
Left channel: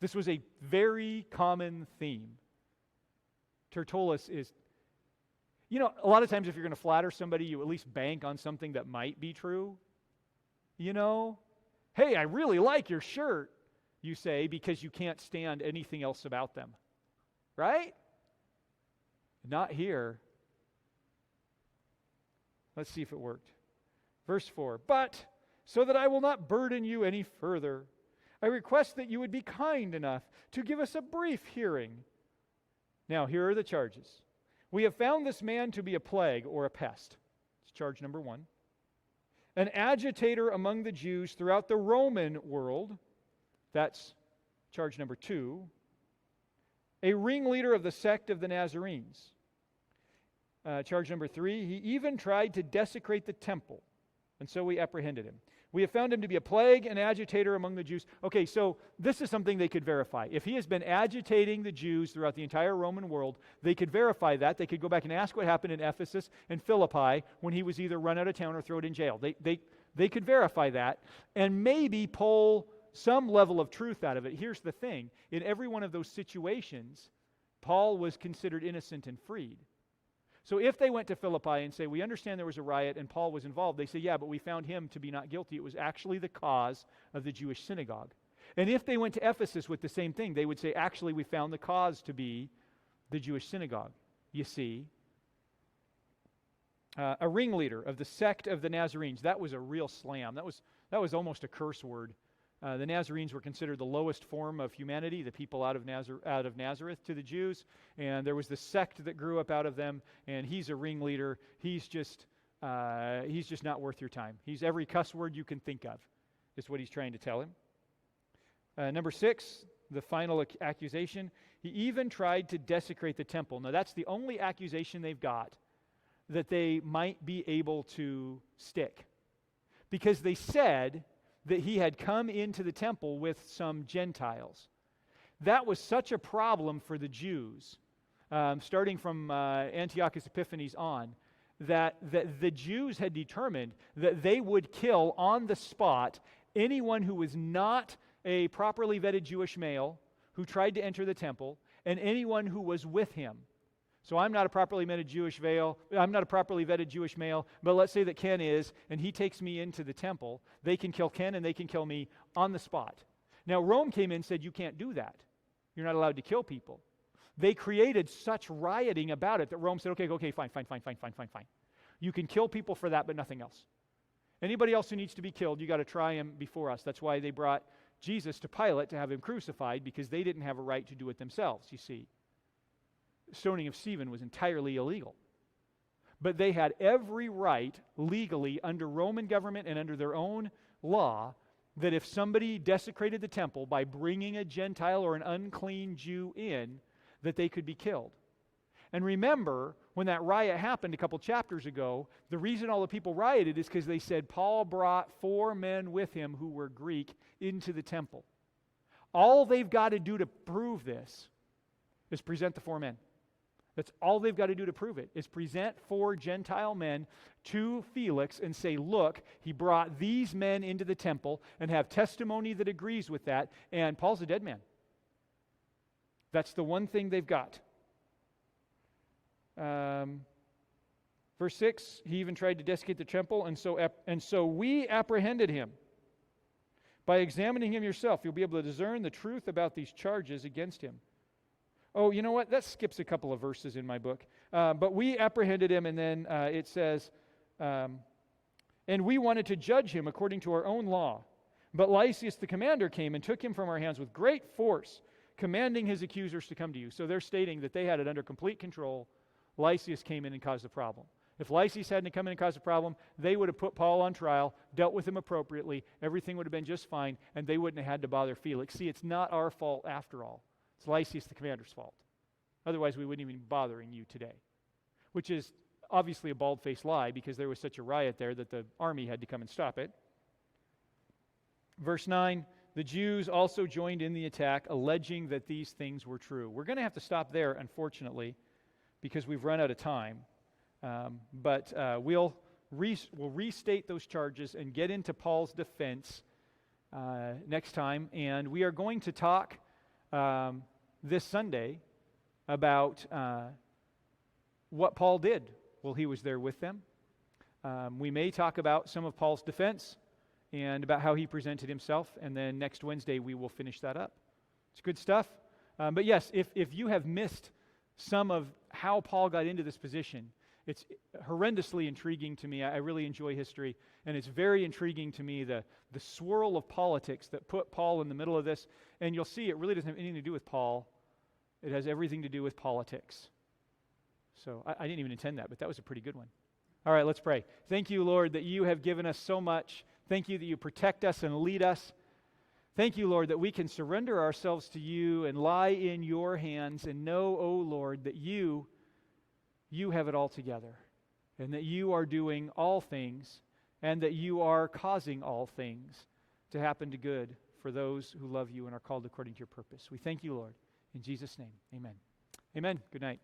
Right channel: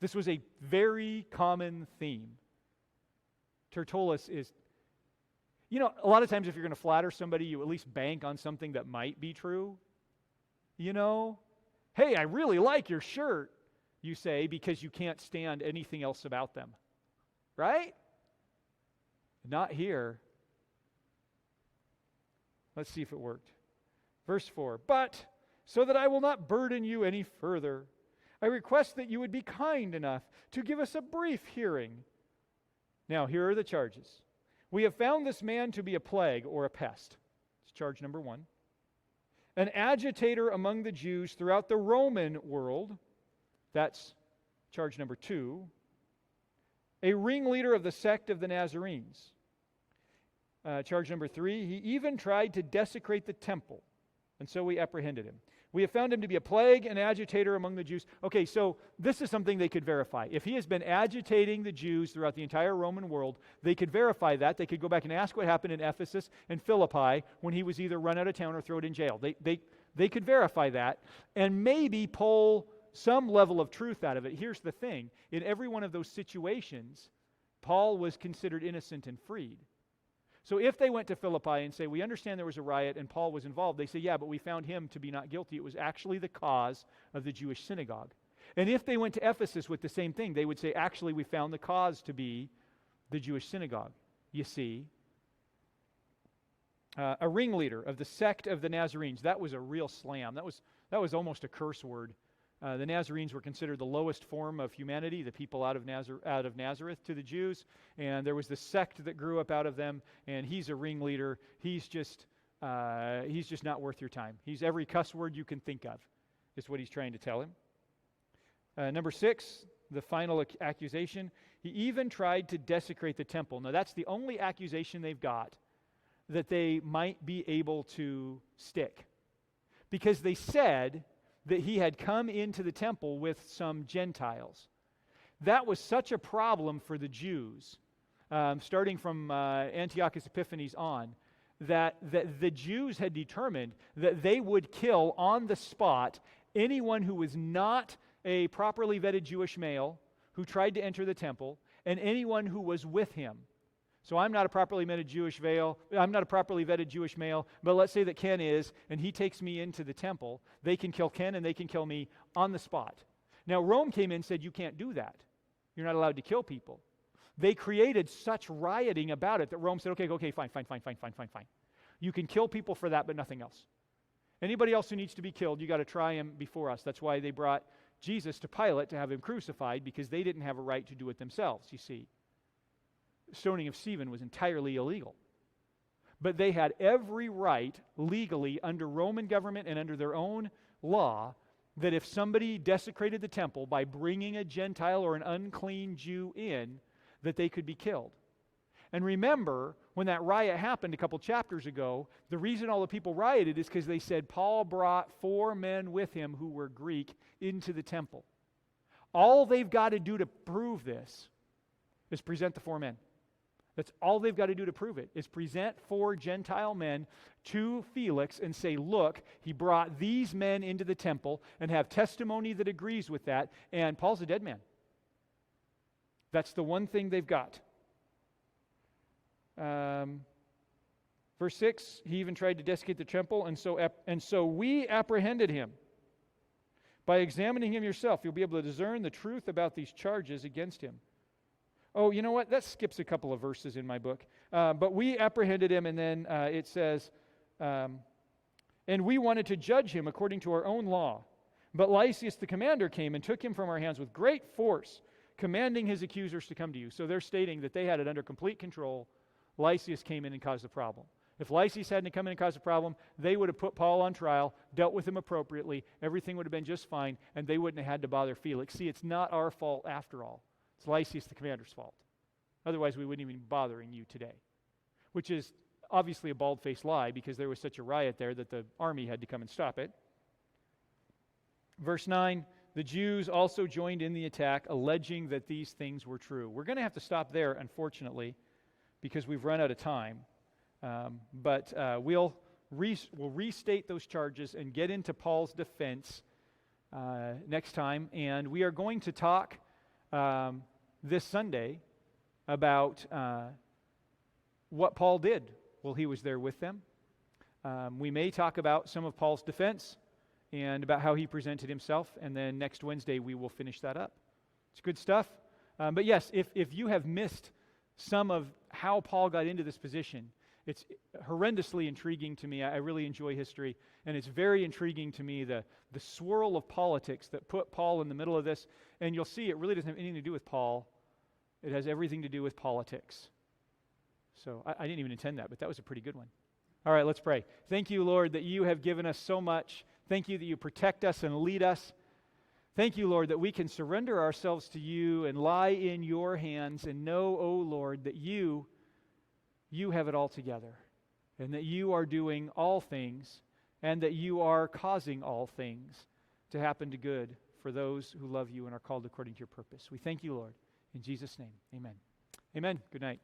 This was a very common theme. Tertullus is, you know, a lot of times if you're going to flatter somebody, you at least bank on something that might be true. You know, "Hey, I really like your shirt," you say, because you can't stand anything else about them. Right? Not here. Let's see if it worked. Verse 4, "But so that I will not burden you any further, I request that you would be kind enough to give us a brief hearing." Now, here are the charges. "We have found this man to be a plague or a pest." It's charge number 1. "An agitator among the Jews throughout the Roman world." That's charge number 2. "A ringleader of the sect of the Nazarenes." Charge number 3, "He even tried to desecrate the temple, and so we apprehended him. We have found him to be a plague and agitator among the Jews." Okay, so this is something they could verify. If he has been agitating the Jews throughout the entire Roman world, they could verify that. They could go back and ask what happened in Ephesus and Philippi when he was either run out of town or thrown in jail. They could verify that and maybe pull some level of truth out of it. Here's the thing. In every one of those situations, Paul was considered innocent and freed. So if they went to Philippi and say, "We understand there was a riot and Paul was involved," they say, "Yeah, but we found him to be not guilty. It was actually the cause of the Jewish synagogue." And if they went to Ephesus with the same thing, they would say, "Actually, we found the cause to be the Jewish synagogue." You see? A ringleader of the sect of the Nazarenes. That was a real slam. That was almost a curse word The Nazarenes were considered the lowest form of humanity, the people out of Nazareth to the Jews. And there was this sect that grew up out of them, and he's a ringleader. He's just not worth your time. He's every cuss word you can think of, is what he's trying to tell him. Number 6, the final accusation. He even tried to desecrate the temple. Now, that's the only accusation they've got that they might be able to stick. Because they said that he had come into the temple with some Gentiles. That was such a problem for the Jews, starting from Antiochus Epiphanes on, that the Jews had determined that they would kill on the spot anyone who was not a properly vetted Jewish male who tried to enter the temple, and anyone who was with him. So I'm not a properly vetted Jewish male, but let's say that Ken is, and he takes me into the temple. They can kill Ken and they can kill me on the spot. Now Rome came in and said, you can't do that. You're not allowed to kill people. They created such rioting about it that Rome said, okay, fine. You can kill people for that, but nothing else. Anybody else who needs to be killed, you got to try him before us. That's why they brought Jesus to Pilate to have him crucified, because they didn't have a right to do it themselves, you see. Stoning of Stephen was entirely illegal. But they had every right, legally, under Roman government and under their own law, that if somebody desecrated the temple by bringing a Gentile or an unclean Jew in, that they could be killed. And remember, when that riot happened a couple chapters ago, the reason all the people rioted is because they said Paul brought 4 men with him who were Greek into the temple. All they've got to do to prove this is present the 4 men. That's all they've got to do to prove it, is present 4 Gentile men to Felix and say, look, he brought these men into the temple, and have testimony that agrees with that, and Paul's a dead man. That's the one thing they've got. Verse 6, he even tried to desecrate the temple, and so we apprehended him. By examining him yourself, you'll be able to discern the truth about these charges against him. Oh, you know what? That skips a couple of verses in my book. But we apprehended him, and then it says, and we wanted to judge him according to our own law. But Lysias the commander came and took him from our hands with great force, commanding his accusers to come to you. So they're stating that they had it under complete control. Lysias came in and caused the problem. If Lysias hadn't come in and caused a problem, they would have put Paul on trial, dealt with him appropriately, everything would have been just fine, and they wouldn't have had to bother Felix. See, it's not our fault after all. It's Lysias the commander's fault. Otherwise, we wouldn't even be bothering you today. Which is obviously a bald-faced lie, because there was such a riot there that the army had to come and stop it. Verse 9, the Jews also joined in the attack, alleging that these things were true. We're going to have to stop there, unfortunately, because we've run out of time. But we'll restate those charges and get into Paul's defense next time. And we are going to talk this Sunday about what Paul did while he was there with them. We may talk about some of Paul's defense and about how he presented himself. And then next Wednesday we will finish that up. It's good stuff. But yes, if you have missed some of how Paul got into this position, it's horrendously intriguing to me. I really enjoy history, and it's very intriguing to me, the swirl of politics that put Paul in the middle of this. And you'll see it really doesn't have anything to do with Paul. It has everything to do with politics. So I didn't even intend that, but that was a pretty good one. All right, let's pray. Thank you, Lord, that you have given us so much. Thank you that you protect us and lead us. Thank you, Lord, that we can surrender ourselves to you and lie in your hands and know, oh Lord, that you have it all together, and that you are doing all things, and that you are causing all things to happen to good for those who love you and are called according to your purpose. We thank you, Lord. In Jesus' name, amen. Amen. Good night.